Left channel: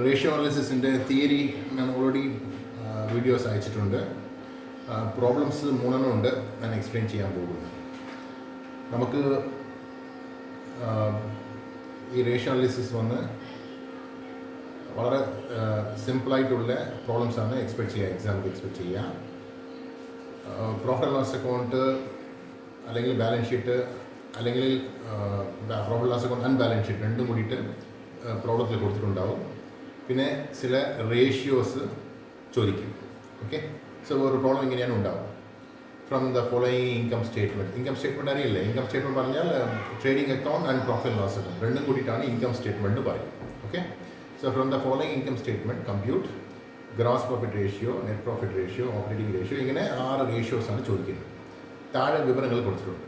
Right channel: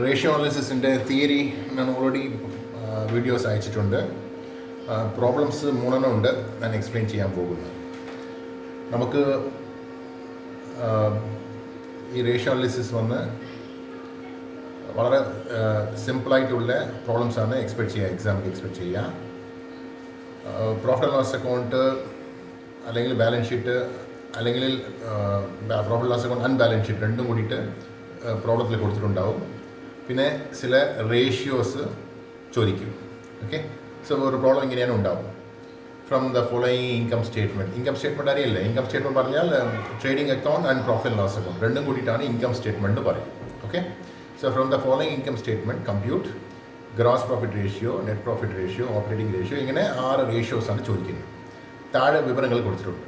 Ratio അനാലിസിസിൻ്റെ theory ഞാൻ already videos അയച്ചിട്ടുണ്ട്. Problems 3 ഉണ്ട് ഞാൻ എക്സ്പ്ലെയിൻ ചെയ്യാൻ പോകുന്നത്. നമുക്ക് ഈ റേഷ്യോ അനാലിസിസ് വന്ന് വളരെ സിമ്പിളായിട്ടുള്ള പ്രോബ്ലംസാണ് എക്സാമിൽ എക്സ്പെക്ട് ചെയ്യുക. പ്രോഫിറ്റ് ആൻഡ് ലോസ് അക്കൗണ്ട് അല്ലെങ്കിൽ ബാലൻസ് ഷീറ്റ് അല്ലെങ്കിൽ profit loss account and balance sheet രണ്ടും കൂടിയിട്ട് പ്രോബ്ലത്തിൽ കൊടുത്തിട്ടുണ്ടാവും. പിന്നെ ചില റേഷ്യോസ് ചോദിക്കും. ഓക്കെ, സോ ഒരു പ്രോബ്ലം ഇങ്ങനെയാണ് ഉണ്ടാവും. From the following income statement അറിയില്ലേ? ഇൻകം സ്റ്റേറ്റ്മെൻറ്റ് പറഞ്ഞാൽ trading account and profit loss account രണ്ടും കൂടിയിട്ടാണ് ഇൻകം സ്റ്റേറ്റ്മെൻറ്റ് പറയും. Okay, so from the following income statement compute gross profit ratio, net profit ratio, operating ratio, ഇങ്ങനെ 6 റേഷ്യോസാണ് ചോദിക്കുന്നത്. താഴെ വിവരങ്ങൾ കൊടുത്തിട്ടുണ്ട്.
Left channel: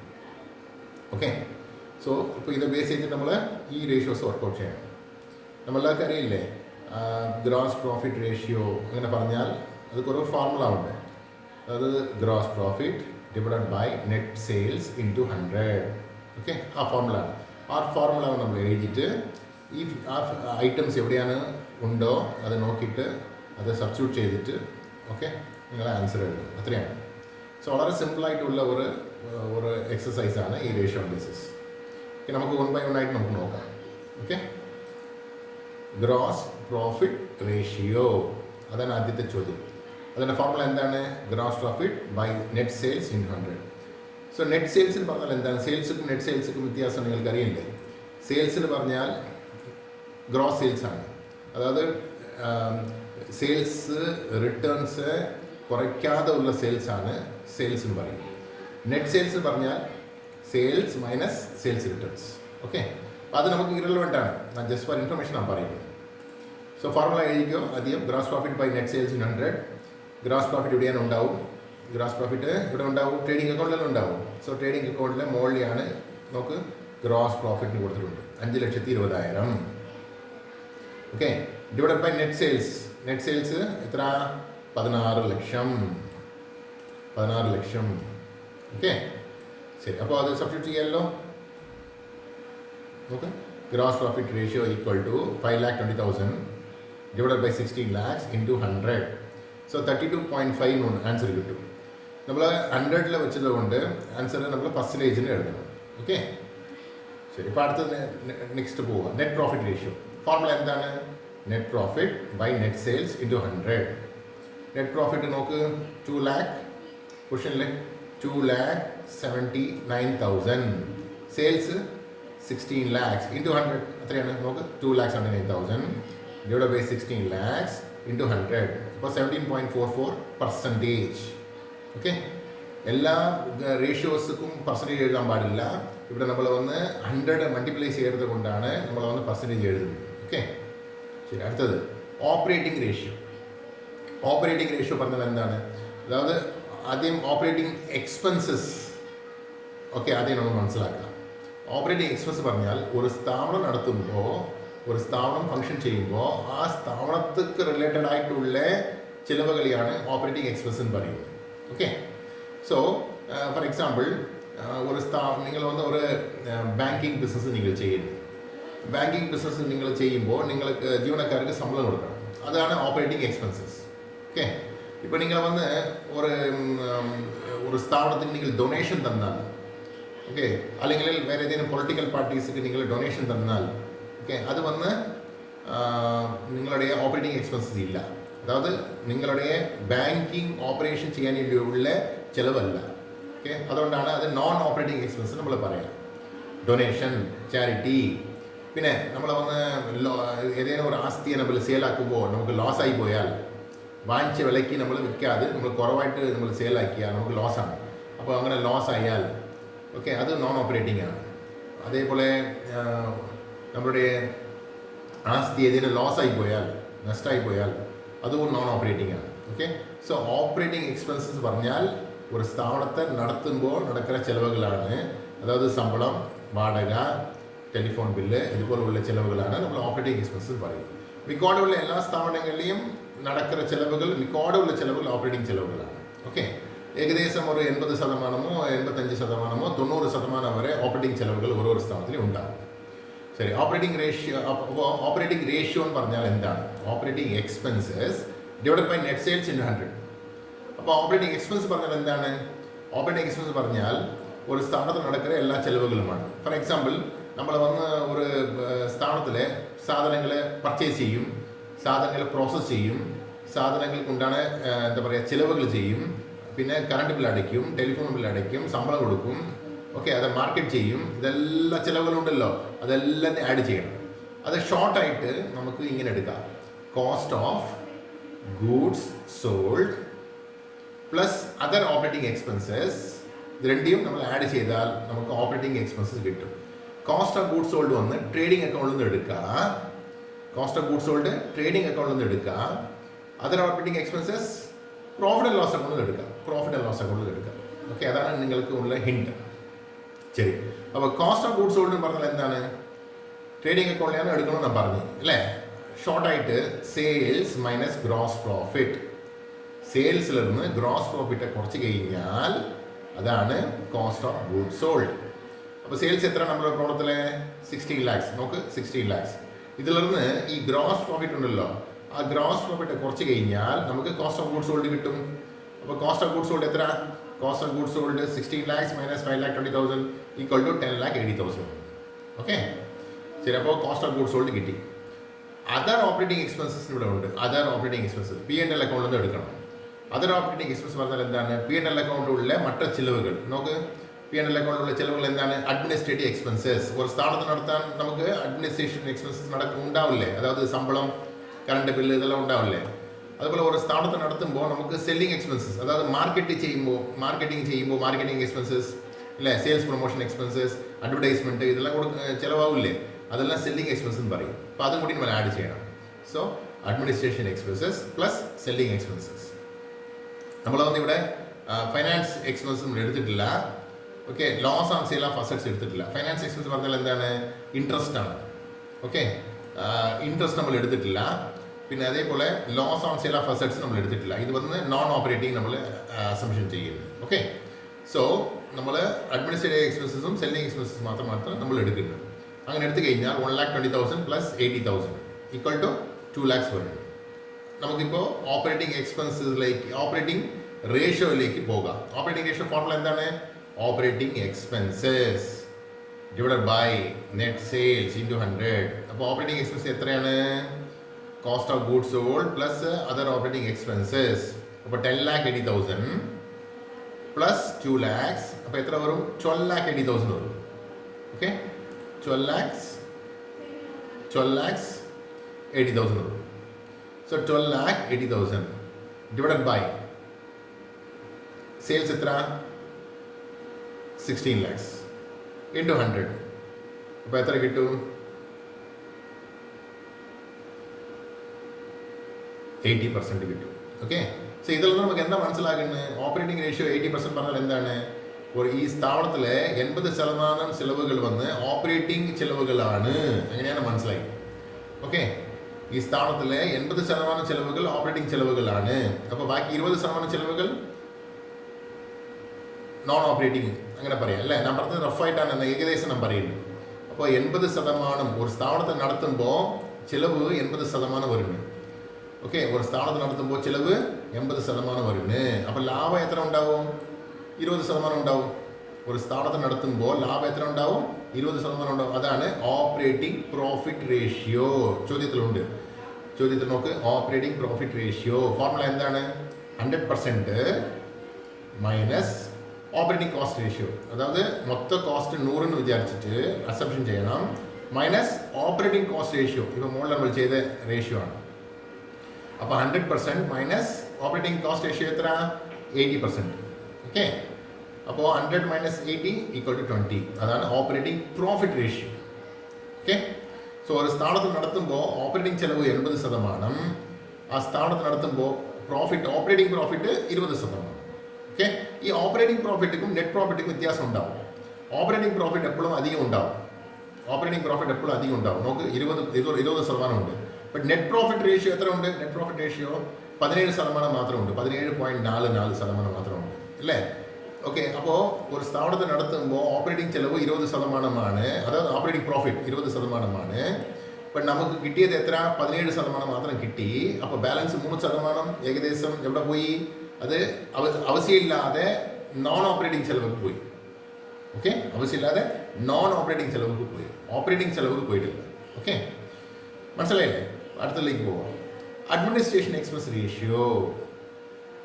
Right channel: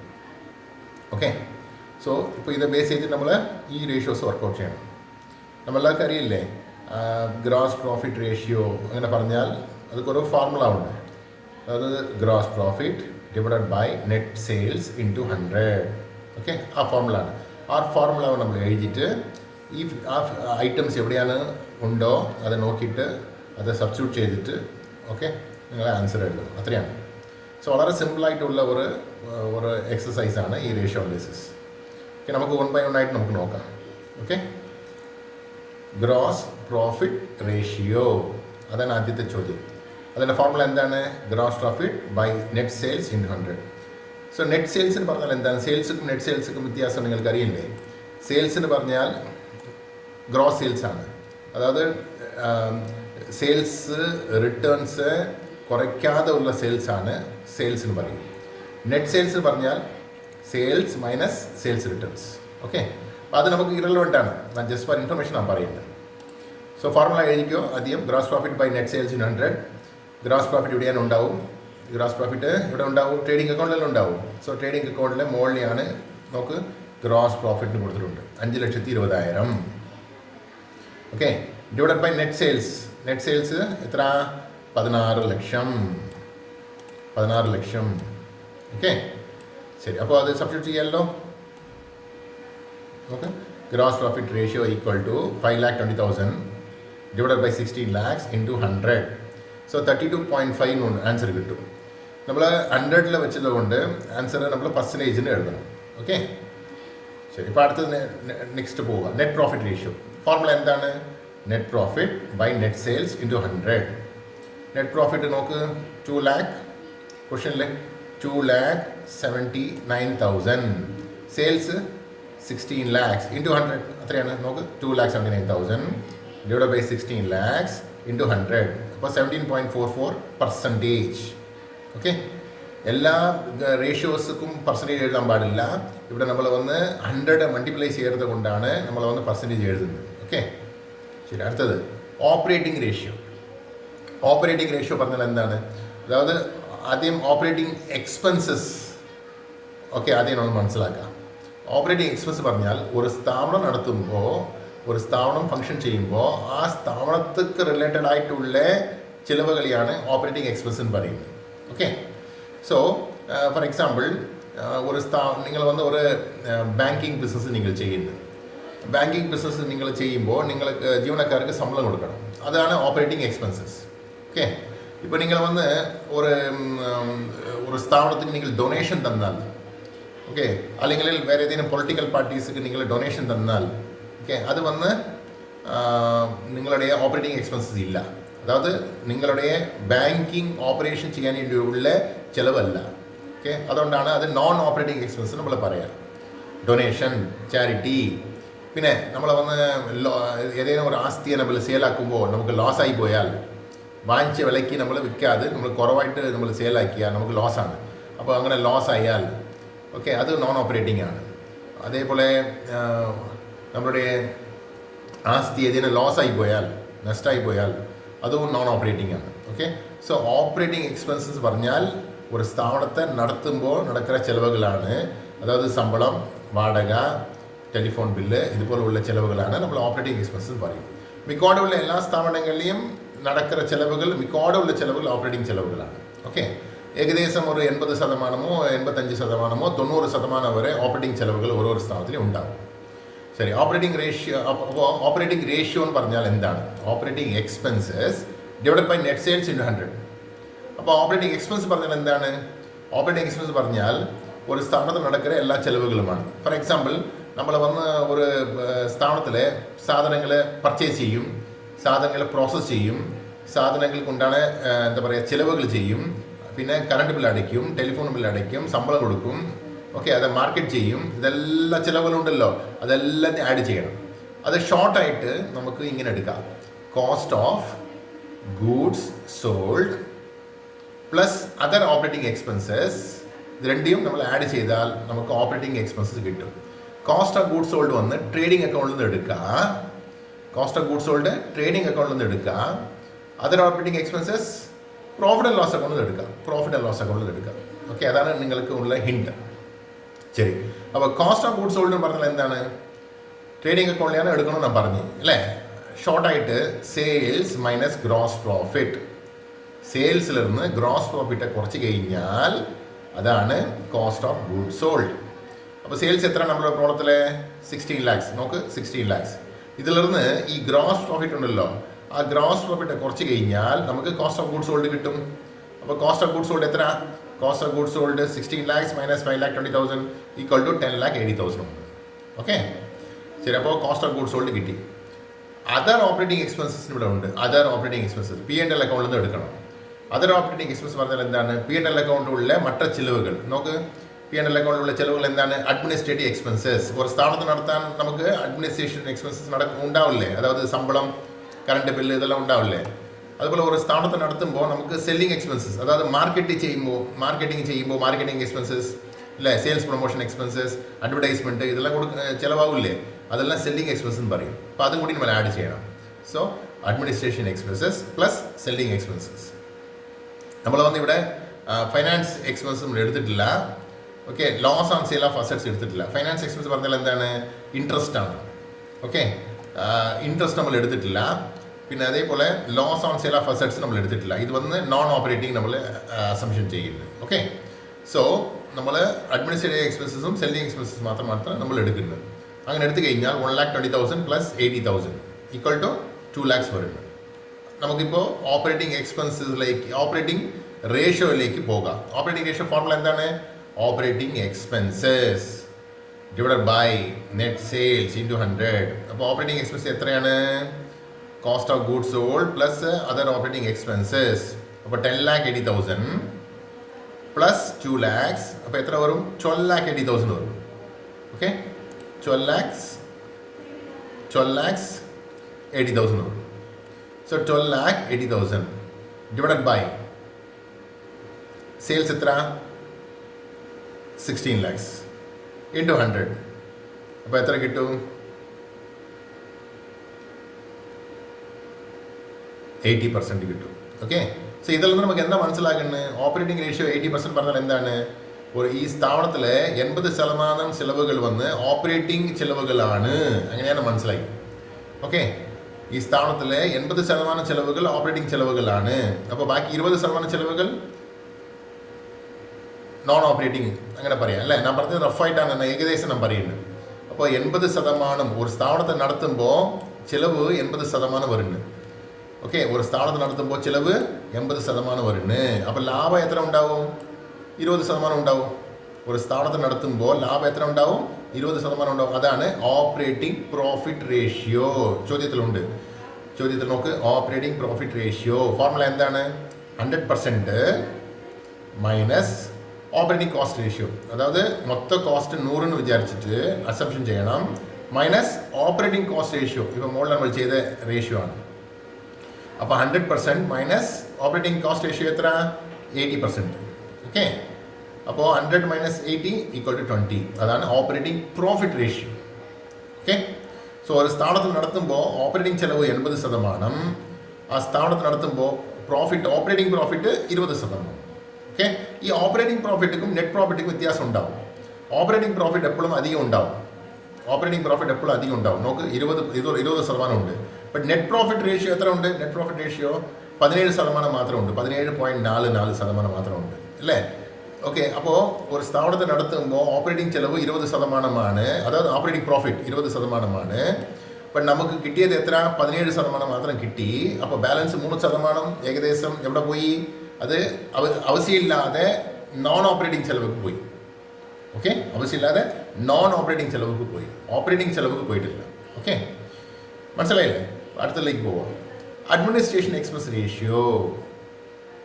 ഓക്കെ, സോ ഇപ്പോൾ ഇത് ബേസ് ചെയ്തിട്ട് നമ്മൾ ഈ റേഷ്യോസ് വർക്കൗട്ട് ചെയ്യണം. നമ്മളെല്ലാവർക്കും അറിയില്ലേ ഗ്രോസ് പ്രോഫിറ്റ് റേഷ്യോ അങ്ങനെ പറഞ്ഞാൽ അതൊക്കെ ഒരു ഫോർമുല ഉണ്ട്. അതായത് gross profit divided by net sales into 100. Okay, ആ ഫോർമുല ആണ്. ആ ഫോർമുല നമ്മൾ എഴുതിയിട്ട് ഈ ആ ഐറ്റംസ് എവിടെയാണ് ഉണ്ടോ അത് നോക്കിയിട്ട് അത് സബ്സ്റ്റിറ്റ്യൂട്ട് ചെയ്തിട്ട് ഓക്കെ നിങ്ങളെ ആൻസർ എഴുതും. അത്രയാണ്. സോ വളരെ സിമ്പിളായിട്ടുള്ള ഒരു എക്സസൈസാണ് ഈ റേഷ്യോ അനാലിസിസ്. ഓക്കെ, നമുക്ക് 1 by 1 ആയിട്ട് നമുക്ക് നോക്കാം. ഓക്കെ, ഗ്രോസ് പ്രോഫിറ്റ് റേഷ്യോ അതാണ് ആദ്യത്തെ ചോദ്യം. അതിൻ്റെ ഫോർമുല എന്താണ്? Gross profit by net sales in 100. So net sales എന്ന് പറഞ്ഞാൽ എന്താണ്? സെയിൽസും നെറ്റ് സെയിൽസും വ്യത്യാസം നിങ്ങൾക്ക് അറിയില്ലേ? സെയിൽസ് എന്ന് പറഞ്ഞാൽ ഗ്രോസ് സെയിൽസ് ആണ്. അതായത് സെയിൽസ് റിട്ടേൺസ് കുറയ്ക്കാതെ ഉള്ള സെയിൽസാണ് സെയിൽസ് എന്ന് പറയും. നെറ്റ് സെയിൽസ് എന്ന് പറഞ്ഞാൽ sales minus sales returns. Okay, അപ്പോൾ അത് നമുക്ക് ഇറലവൻ്റ് ആണ്. ഞാൻ ജസ്റ്റ് ഫോർ ഇൻഫർമേഷൻ ആണ് പറയുന്നത്. സോ ഫോർമുല എഴുതിക്കോ ആദ്യം. Gross profit by net sales in 100. Gross profit ഇവിടെയാണ് ഉണ്ടാവും. ഗ്രോസ് പ്രോഫിറ്റ് ഇവിടെ ഉണ്ടാവും, ട്രേഡിംഗ് അക്കൗണ്ടിലും ഉണ്ടാവും. സോ ട്രേഡിംഗ് അക്കൗണ്ടിലെ മുകളിലാണ് നമുക്ക് ഗ്രോസ് പ്രോഫിറ്റിന് കൊടുത്തിട്ടുണ്ട് 5,20,000. Okay, divided by net sales. Net sales എത്ര? 16 ലക്ഷം. ഓക്കെ, ശരി. അപ്പോൾ അത് സബ്സ്റ്റിറ്റ്യൂട്ട് ചെയ്യാമല്ലോ. Okay, gross profit ratio equal to 5,20,000 divided by 16 lakhs into 100. So 32.5 answer കിട്ടും. നമ്മൾ 100 വെച്ചത് കൊണ്ട് ആൻസർ നമ്മൾ പെർസെൻറ്റേജിന് എഴുതണം. ഓക്കെ, ശരി. ഇപ്പോൾ അടുത്തത് നെക്സ്റ്റ് പോവുക. നെറ്റ് പ്രോഫിറ്റ് റേഷ്യോ ഫോർമുല എന്താണ്? Net profit by net sales into 100. Net profit നോക്ക് 2 lakh. ക്വസ്റ്റനിൽ 2,79,000. സെയിൽസ് 16 lakhs ഇൻറ്റു 100 അത്രയാണ്. നോക്ക് 2,79,000 ഡിവൈഡ് ബൈ 16 lakhs ഇൻറ്റു 100. അപ്പോൾ 17.44%. ഓക്കെ, എല്ലാ റേഷ്യോസും പെർസെൻറ്റേജ് എഴുതാൻ പാടില്ല. ഇവിടെ നമ്മൾ വന്ന് 100 മൾട്ടിപ്ലൈ ചെയ്തത് കൊണ്ടാണ് നമ്മൾ വന്ന് പെർസെൻറ്റേജ് എഴുതുന്നത്. ഓക്കെ, ശരി. അടുത്തത് ഓപ്പറേറ്റിംഗ് റേഷ്യോ. ഓപ്പറേറ്റിംഗ് റേഷ്യോ പറഞ്ഞാൽ എന്താണ്? അതായത് ആദ്യം ഓപ്പറേറ്റിംഗ് എക്സ്പെൻസസ് ഓക്കെ ആദ്യം നമ്മൾ മനസ്സിലാക്കാം. ഓപ്പറേറ്റിംഗ് എക്സ്പെൻസ് പറഞ്ഞാൽ ഒരു സ്ഥാപനം നടത്തുമ്പോൾ, ഒരു സ്ഥാപനം ഫങ്ഷൻ ചെയ്യുമ്പോൾ ആ സ്ഥാപനത്തിക്ക് റിലേറ്റഡ് ആയിട്ടുള്ള ചിലവുകളെയാണ് ഓപ്പറേറ്റിംഗ് എക്സ്പെൻസ് എന്ന് പറയുന്നത്. ഓക്കെ, സോ ഫോർ എക്സാമ്പിൾ നിങ്ങൾ വന്ന് ഒരു ബാങ്കിങ് ബിസിനസ് നിങ്ങൾ ചെയ്യുന്നു. ബാങ്കിങ് ബിസിനസ് നിങ്ങൾ ചെയ്യുമ്പോൾ നിങ്ങൾക്ക് ജീവനക്കാർക്ക് ശമ്പളം കൊടുക്കണം. അതാണ് ഓപ്പറേറ്റിംഗ് എക്സ്പെൻസസ്. ഓക്കെ, ഇപ്പോൾ നിങ്ങൾ വന്ന് ഒരു സ്ഥാപനത്തിന് നിങ്ങൾ ഡൊണേഷൻ തന്നാൽ, ഓക്കെ, അല്ലെങ്കിൽ വേറെ ഏതെങ്കിലും പൊളിറ്റിക്കൽ പാർട്ടീസിക്ക് നിങ്ങൾ ഡൊണേഷൻ തന്നാൽ, ഓക്കെ, അത് വന്ന് നിങ്ങളുടെ ഓപ്പറേറ്റിംഗ് എക്സ്പെൻസസ് ഇല്ല. അതായത് നിങ്ങളുടെ ബാങ്കിങ് ഓപ്പറേഷൻ ചെയ്യാൻ വേണ്ടിയുള്ള ചിലവല്ല. ഓക്കെ, അതുകൊണ്ടാണ് അത് നോൺ ഓപ്പറേറ്റിംഗ് എക്സ്പെൻസ് നമ്മൾ പറയാം. Donation, charity. പിന്നെ നമ്മൾ വന്ന് ഏതെങ്കിലും ഒരു ആസ്തിയെ നമ്മൾ സെയിലാക്കുമ്പോൾ നമുക്ക് ലോസ് ആയി പോയാൽ, വാങ്ങിച്ച വിലയ്ക്ക് നമ്മൾ വിൽക്കാതെ നമ്മൾ കുറവായിട്ട് നമ്മൾ സെയിലാക്കിയാൽ നമുക്ക് ലോസാണ്. അപ്പോൾ അങ്ങനെ ലോസ് ആയാൽ ഓക്കെ അത് നോൺ ഓപ്പറേറ്റിംഗ് ആണ്. അതേപോലെ നമ്മളുടെ ആസ്തി ഏതെങ്കിലും ലോസായി പോയാൽ, നഷ്ടമായി പോയാൽ അതും നോൺ ഓപ്പറേറ്റിംഗ് ആണ്. ഓക്കെ, സോ ഓപ്പറേറ്റിംഗ് എക്സ്പെൻസസ് പറഞ്ഞാൽ ഒരു സ്ഥാപനത്തെ നടത്തുമ്പോൾ നടക്കുന്ന ചിലവുകളാണ്. അതായത് ശമ്പളം, വാടക, ടെലിഫോൺ ബില്ല് ഇതുപോലുള്ള ചിലവുകളാണ് നമ്മൾ ഓപ്പറേറ്റിംഗ് എക്സ്പെൻസസ് പറയും. മിക്കവാറുമുള്ള എല്ലാ സ്ഥാപനങ്ങളിലെയും നടക്കുന്ന ചിലവുകൾ, മിക്കവാറുമുള്ള ചിലവുകൾ ഓപ്പറേറ്റിംഗ് ചിലവുകളാണ്. ഓക്കെ, ഏകദേശം ഒരു 80%, 85%, 90% വരെ ഓപ്പറേറ്റിംഗ് ചിലവുകൾ ഓരോ സ്ഥാപനത്തിലും ഉണ്ടാകും. ശരി, ഓപ്പറേറ്റിംഗ് റേഷ്യോ എന്ന് പറഞ്ഞാൽ എന്താണ്? Operating expenses divided by net sales into 100. അപ്പോൾ ഓപ്പറേറ്റിംഗ് എക്സ്പെൻസ് പറഞ്ഞാൽ എന്താണ്? ഓപ്പറേറ്റിംഗ് എക്സ്പെൻസ് പറഞ്ഞാൽ ഒരു സ്ഥാപനത്തിൽ നടക്കുന്ന എല്ലാ ചെലവുകളുമാണ്. ഫോർ എക്സാമ്പിൾ, നമ്മൾ വന്ന് ഒരു സ്ഥാപനത്തിലെ സാധനങ്ങൾ പർച്ചേസ് ചെയ്യും, സാധനങ്ങൾ പ്രോസസ്സ് ചെയ്യും, സാധനങ്ങൾ കൊണ്ടാണ് എന്താ പറയുക ചിലവുകൾ ചെയ്യും, പിന്നെ കറണ്ട് ബിൽ അടയ്ക്കും, ടെലിഫോൺ ബിൽ അടയ്ക്കും, ശമ്പളം കൊടുക്കും, ഓക്കെ, അത് മാർക്കറ്റ് ചെയ്യും. ഇതെല്ലാം ചിലവുകളുണ്ടല്ലോ, അതെല്ലാം ആഡ് ചെയ്യണം. അത് ഷോർട്ടായിട്ട് നമുക്ക് ഇങ്ങനെ എടുക്കാം: cost of goods sold plus other operating expenses. ഇത് രണ്ടിയും നമ്മൾ ആഡ് ചെയ്താൽ നമുക്ക് ഓപ്പറേറ്റിംഗ് എക്സ്പെൻസസ് കിട്ടും. കോസ്റ്റ് ഓഫ് ഗൂഡ്സ് സോൾഡ് വന്ന് ട്രേഡിംഗ് അക്കൗണ്ടിൽ നിന്ന് എടുക്കുക, cost of goods sold trading അക്കൗണ്ടിൽ നിന്ന് എടുക്കുക. Other operating expenses profit and loss അക്കൗണ്ടിൽ നിന്ന് എടുക്കുക, പ്രോഫിറ്റ് ആൻഡ് ലോസ് അക്കൗണ്ടിൽ നിന്ന് എടുക്കുക. ഓക്കെ, അതാണ് നിങ്ങൾക്ക് ഉള്ള ഹിൻഡ്. ശരി, അപ്പോൾ കോസ്റ്റ് ഓഫ് ഗൂഡ്സ് സോൾഡ് എന്ന് പറഞ്ഞാൽ എന്താണ്? ട്രേഡിംഗ് അക്കൗണ്ടിലാണ് എടുക്കണമെന്ന് ഞാൻ പറഞ്ഞു അല്ലേ? ഷോർട്ടായിട്ട് സെയിൽസ് മൈനസ് ഗ്രോസ് പ്രോഫിറ്റ്. സെയിൽസിൽ നിന്ന് ഗ്രോസ് പ്രോഫിറ്റ് കുറച്ച് കഴിഞ്ഞാൽ അതാണ് കോസ്റ്റ് ഓഫ് ഗൂഡ്സ് സോൾഡ്. അപ്പോൾ സെയിൽസ് എത്ര നമ്മുടെ പ്രോഡക്റ്റിലെ? 16 lakhs. നോക്ക്, 16 lakhs. ഇതിൽ നിന്ന് ഈ ഗ്രോസ് പ്രോഫിറ്റ് ഉണ്ടല്ലോ, ആ ഗ്രോസ് പ്രോഫിറ്റ് കുറച്ച് കഴിഞ്ഞാൽ നമുക്ക് കോസ്റ്റ് ഓഫ് ഗൂഡ്സ് സോൾഡ് കിട്ടും. അപ്പോൾ കോസ്റ്റ് ഓഫ് ഗൂഡ്സ് സോൾഡ് എത്ര? Cost of goods sold 16 lakhs minus 5,20,000 equal to 10,80,000. Okay, ശരി. അപ്പോൾ കോസ്റ്റ് ഓഫ് ഗൂഡ്സ് സോൾഡ് കിട്ടി. അതർ ഓപ്പറേറ്റിംഗ് എക്സ്പെൻസസ് ഇവിടെ ഉണ്ട്. അതർ ഓപ്പറേറ്റിംഗ് എക്സ്പെൻസസ് P&L അക്കൗണ്ടിൽ നിന്ന് എടുക്കണം. അതർ ഓപ്പറേറ്റിംഗ് എക്സ്പെൻസ് പറഞ്ഞാൽ എന്താണ്? P&L അക്കൗണ്ടിലുള്ള മറ്റു ചിലവുകൾ. നോക്ക്, P&L അക്കൗണ്ടിലുള്ള ചിലവുകൾ എന്താണ്? Administrative expenses. ഒരു സ്ഥാപനത്തിൽ നടത്താൻ നമുക്ക് അഡ്മിനിസ്ട്രേഷൻ എക്സ്പെൻസസ് ഉണ്ടാവില്ലേ? അതായത് ശമ്പളം, കറണ്ട് ബില്ല്, ഇതെല്ലാം ഉണ്ടാവില്ലേ? അതുപോലെ ഒരു സ്ഥാപനത്തിൽ നടത്തുമ്പോൾ നമുക്ക് സെല്ലിംഗ് എക്സ്പെൻസസ്, അതായത് മാർക്കറ്റിംഗ് ചെയ്യുമ്പോൾ മാർക്കറ്റിംഗ് എക്സ്പെൻസസ് അല്ലേ, സെയിൽസ് പ്രൊമോഷൻ എക്സ്പെൻസസ്, അഡ്വർടൈസ്മെൻറ്റ്, ഇതെല്ലാം ചിലവാകില്ലേ? അതെല്ലാം സെല്ലിംഗ് എക്സ്പെൻസ് എന്ന് പറയും. അപ്പോൾ അതും കൂടി നമ്മൾ ആഡ് ചെയ്യണം. So administration expenses plus selling expenses. നമ്മൾ ഇവിടെ ഫൈനാൻസ് എക്സ്പെൻസ് നമ്മൾ എടുത്തിട്ടില്ല. Okay, loss on sale of assets എടുത്തിട്ടില്ല. ഫൈനാൻസ് എക്സ്പെൻസ് പറഞ്ഞാൽ എന്താണ്? ഇൻട്രസ്റ്റ് ആണ്. ഓക്കെ, ഇൻട്രസ്റ്റ് നമ്മൾ എടുത്തിട്ടില്ല. പിന്നെ അതേപോലെ loss on sale of assets നമ്മൾ എടുത്തിട്ടില്ല. ഇത് വന്ന് നോൺ ഓപ്പറേറ്റിംഗ് നമ്മൾ അസംഷൻ ചെയ്യുന്നത്. ഓക്കെ, സോ നമ്മൾ അഡ്മിനിസ്ട്രേറ്റീവ് എക്സ്പെൻസസും സെല്ലിംഗ് എക്സ്പെൻസസ് മാത്രമാണ് നമ്മൾ എടുക്കുന്നത്. അങ്ങനെ എടുത്തു കഴിഞ്ഞാൽ 1,20,000 പ്ലസ് 80,000 ഈക്വൽ ടു 2 lakhs വരുന്നു. നമുക്കിപ്പോൾ ഓപ്പറേറ്റിംഗ് എക്സ്പെൻസസിലേക്ക്, ഓപ്പറേറ്റിംഗ് റേഷ്യോയിലേക്ക് പോകാം. ഓപ്പറേറ്റിംഗ് റേഷ്യോ ഫോർമുല എന്താണ്? Operating expenses divided by net sales into 100. അപ്പോൾ ഓപ്പറേറ്റിംഗ് എക്സ്പെൻസ് എത്രയാണ്? Cost of goods sold plus other operating expenses. അപ്പോൾ 10,80,000 പ്ലസ് 2 lakhs. അപ്പോൾ എത്ര വരും? 12,80,000 വരും. ഓക്കെ, 12,80,000 വരും. So 12,80,000 divided by sales എത്ര? 16 lakhs into 100. അപ്പോൾ എത്ര കിട്ടും? 80% കിട്ടും. ഓക്കെ, സോ ഇതിൽ നിന്ന് നമുക്ക് എന്താ മനസ്സിലാക്കുന്നത്? ഓപ്പറേറ്റിംഗ് റേഷ്യോ 80% പറഞ്ഞാൽ എന്താണ്? ഈ സ്ഥാപനത്തിലെ 80% ചിലവുകൾ വന്ന് ഓപ്പറേറ്റിംഗ് ചിലവുകളാണ്. അങ്ങനെയാണ് മനസ്സിലായി. ഓക്കെ, ഈ സ്ഥാപനത്തിലെ 80% ചിലവുകൾ ഓപ്പറേറ്റിംഗ് ചിലവുകളാണ്. അപ്പോൾ ബാക്കി 20% ചിലവുകൾ നോൺ ഓപ്പറേറ്റിംഗ്, അങ്ങനെ പറയാം അല്ലേ? ഞാൻ പറഞ്ഞത് റഫായിട്ടാണ്, ഏകദേശം ഞാൻ പറയുന്നത്. അപ്പോൾ 80% ഒരു സ്ഥാപനത്തെ നടത്തുമ്പോൾ ചിലവ് 80% വരുന്നു. ഓക്കെ, ഒരു സ്ഥാപനത്തെ നടത്തുമ്പോൾ ചിലവ് 80% വരുന്നു. അപ്പോൾ ലാഭം എത്ര ഉണ്ടാവും? 20% ഉണ്ടാവും. ഒരു സ്ഥാപനത്തെ നടത്തുമ്പോൾ ലാഭം എത്ര ഉണ്ടാവും? 20% ഉണ്ടാവും. അതാണ് ഓപ്പറേറ്റിംഗ് പ്രോഫിറ്റ് റേഷ്യോ. ചോദ്യത്തിൽ നോക്ക്, ഓപ്പറേറ്റിംഗ് പ്രോഫിറ്റ് റേഷ്യോ ഫോർമുല എന്താണ്? 100% മൈനസ് ഓപ്പറേറ്റിംഗ് കോസ്റ്റ് റേഷ്യോ. അതായത് മൊത്ത കോസ്റ്റ് 100 എന്ന് വിചാരിച്ചിട്ട് അസംഷൻ ചെയ്യണം, മൈനസ് ഓപ്പറേറ്റിംഗ് കോസ്റ്റ് റേഷ്യോ. ഇപ്പോൾ മുകളിൽ നമ്മൾ ചെയ്ത റേഷ്യോ ആണ്. അപ്പോൾ 100% മൈനസ് ഓപ്പറേറ്റിംഗ് കോസ്റ്റ് റേഷ്യോ എത്ര? 80%. ഓക്കെ, അപ്പോൾ 100 മൈനസ് 80 ഈക്വൽ ടു 20. അതാണ് operating profit ratio. Okay, so ഒരു സ്ഥാപനത്തിൽ നടത്തുമ്പോൾ ഓപ്പറേറ്റിംഗ് ചിലവ് 80%, ആ സ്ഥാപനത്തിൽ നടത്തുമ്പോൾ ഓപ്പറേറ്റിംഗ് പ്രോഫിറ്റ് 20%. ഓക്കെ, ഈ ഓപ്പറേറ്റിംഗ് പ്രോഫിറ്റും നെറ്റ് പ്രോഫിറ്റും വ്യത്യാസം ഉണ്ടാവും. ഓപ്പറേറ്റിംഗ് പ്രോഫിറ്റ് എപ്പോഴും അധികം ഉണ്ടാവും. നമുക്ക് 20% ഉണ്ട്. ബട്ട് നെറ്റ് പ്രോഫിറ്റ് റേഷ്യോ എത്ര ഉണ്ട്? നെറ്റ് പ്രോഫിറ്റ് റേഷ്യോ 17% മാത്രമേ ഉണ്ട്. 17.44% മാത്രമേ ഉണ്ട് അല്ലേ? ഓക്കെ, അപ്പോൾ ഒരു സ്ഥാപനത്തിന് നടത്തുമ്പോൾ ഓപ്പറേറ്റിംഗ് ചെലവ് 20%, അതായത് ഓപ്പറേറ്റിംഗ് പ്രോഫിറ്റ് 20%. അപ്പം നമുക്ക് കിട്ടിയത് എത്ര? 17% മാത്രം കിട്ടി. അപ്പോൾ ബാലൻസ് 3% ഏകദേശം എവിടെ പോയി? അത് ആവശ്യമില്ലാതെ നോൺ ഓപ്പറേറ്റിംഗ് ചെലവുക്ക് പോയി. ഓക്കെ, ആവശ്യമില്ലാതെ നോൺ ഓപ്പറേറ്റിംഗ് ചെലവുക്ക് പോയി, ഓപ്പറേറ്റിംഗ് ചെലവുക്ക് പോയിട്ടില്ല. ഓക്കെ, മനസ്സിലായില്ലേ? അടുത്തതിലേക്ക് പോവാം. അഡ്മിനിസ്ട്രേഷൻ എക്സ്പെൻസ് റേഷ്യോ,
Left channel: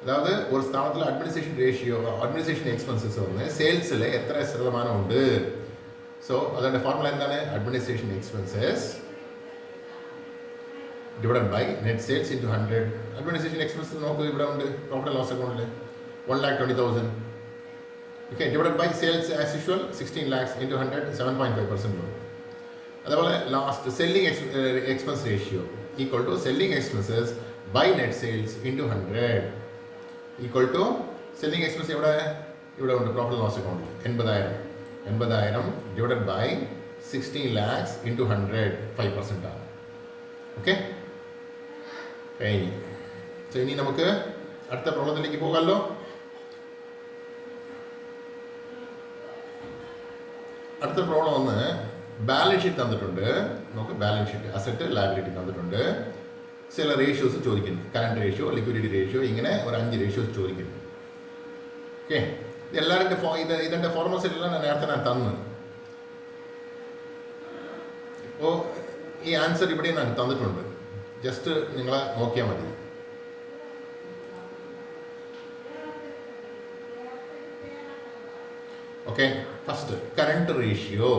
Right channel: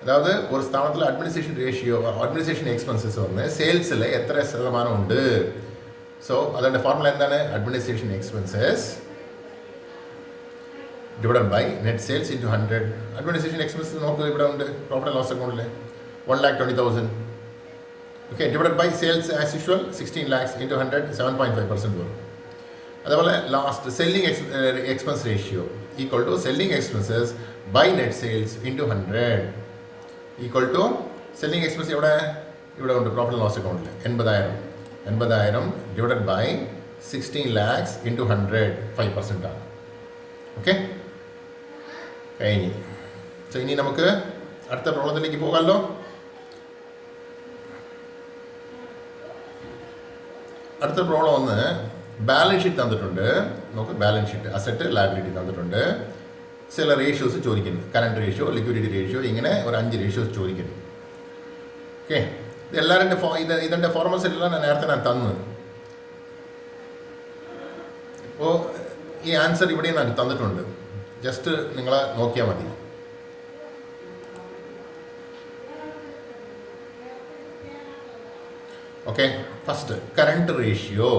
അതായത് ഒരു സ്ഥാപനത്തിൽ അഡ്മിനിസ്ട്രേഷൻ എക്സ്പെൻസസ് വന്ന് സെയിൽസിൽ എത്ര ശതമാനം ഉണ്ട്? സോ അതിൻ്റെ ഫോർമുല എന്താണ്? Administration expenses divided by net sales into 100. Administration expenses നോക്കൂ, ഇവിടെ ഉണ്ട് പ്രോഫിറ്റ് ആൻഡ് ലോസ് അക്കൗണ്ടിൽ 1,20,000. Okay, divided by sales as usual 16 lakhs into 100, 7.5% വരും. അതുപോലെ last selling expense ratio equal to selling expenses by net sales into 100 equal to selling expense ഇവിടെ ഉണ്ട് profit and loss അക്കൗണ്ടിൽ 80,000 divided by 16 lakhs into 100, 5% ആണ്. Okay, കഴിഞ്ഞു. So ഇനി നമുക്ക് അടുത്ത പ്രോബ്ലത്തിലേക്ക് പോകാമല്ലോ. അടുത്ത പ്രോബ്ലം ഒന്ന് ബാലൻസ് ഷീറ്റ് തന്നിട്ടുണ്ട്. നമുക്ക് ബാലൻസ് ഷീറ്റ്, അസറ്റ്, ലയബിലിറ്റി തന്നിട്ടുണ്ട്. ചില റേഷ്യോസ് ചോദിക്കുന്നു, കറണ്ട് റേഷ്യോ, ലിക്വിഡിറ്റി റേഷ്യോ, ഇങ്ങനെ ഒരു 5 റേഷ്യോസ് ചോദിക്കുന്നു. ഓക്കെ, ഇതിൻ്റെ ഫോർമുലസ് എല്ലാം നേരത്തെ ഞാൻ തന്നു. ഇപ്പോൾ ഈ ആൻസർ ഇവിടെ ഞാൻ തന്നിട്ടുണ്ട്, ജസ്റ്റ് നിങ്ങൾ നോക്കിയാൽ മതി. ഓക്കെ, ഫസ്റ്റ് കറണ്ട് റേഷ്യോ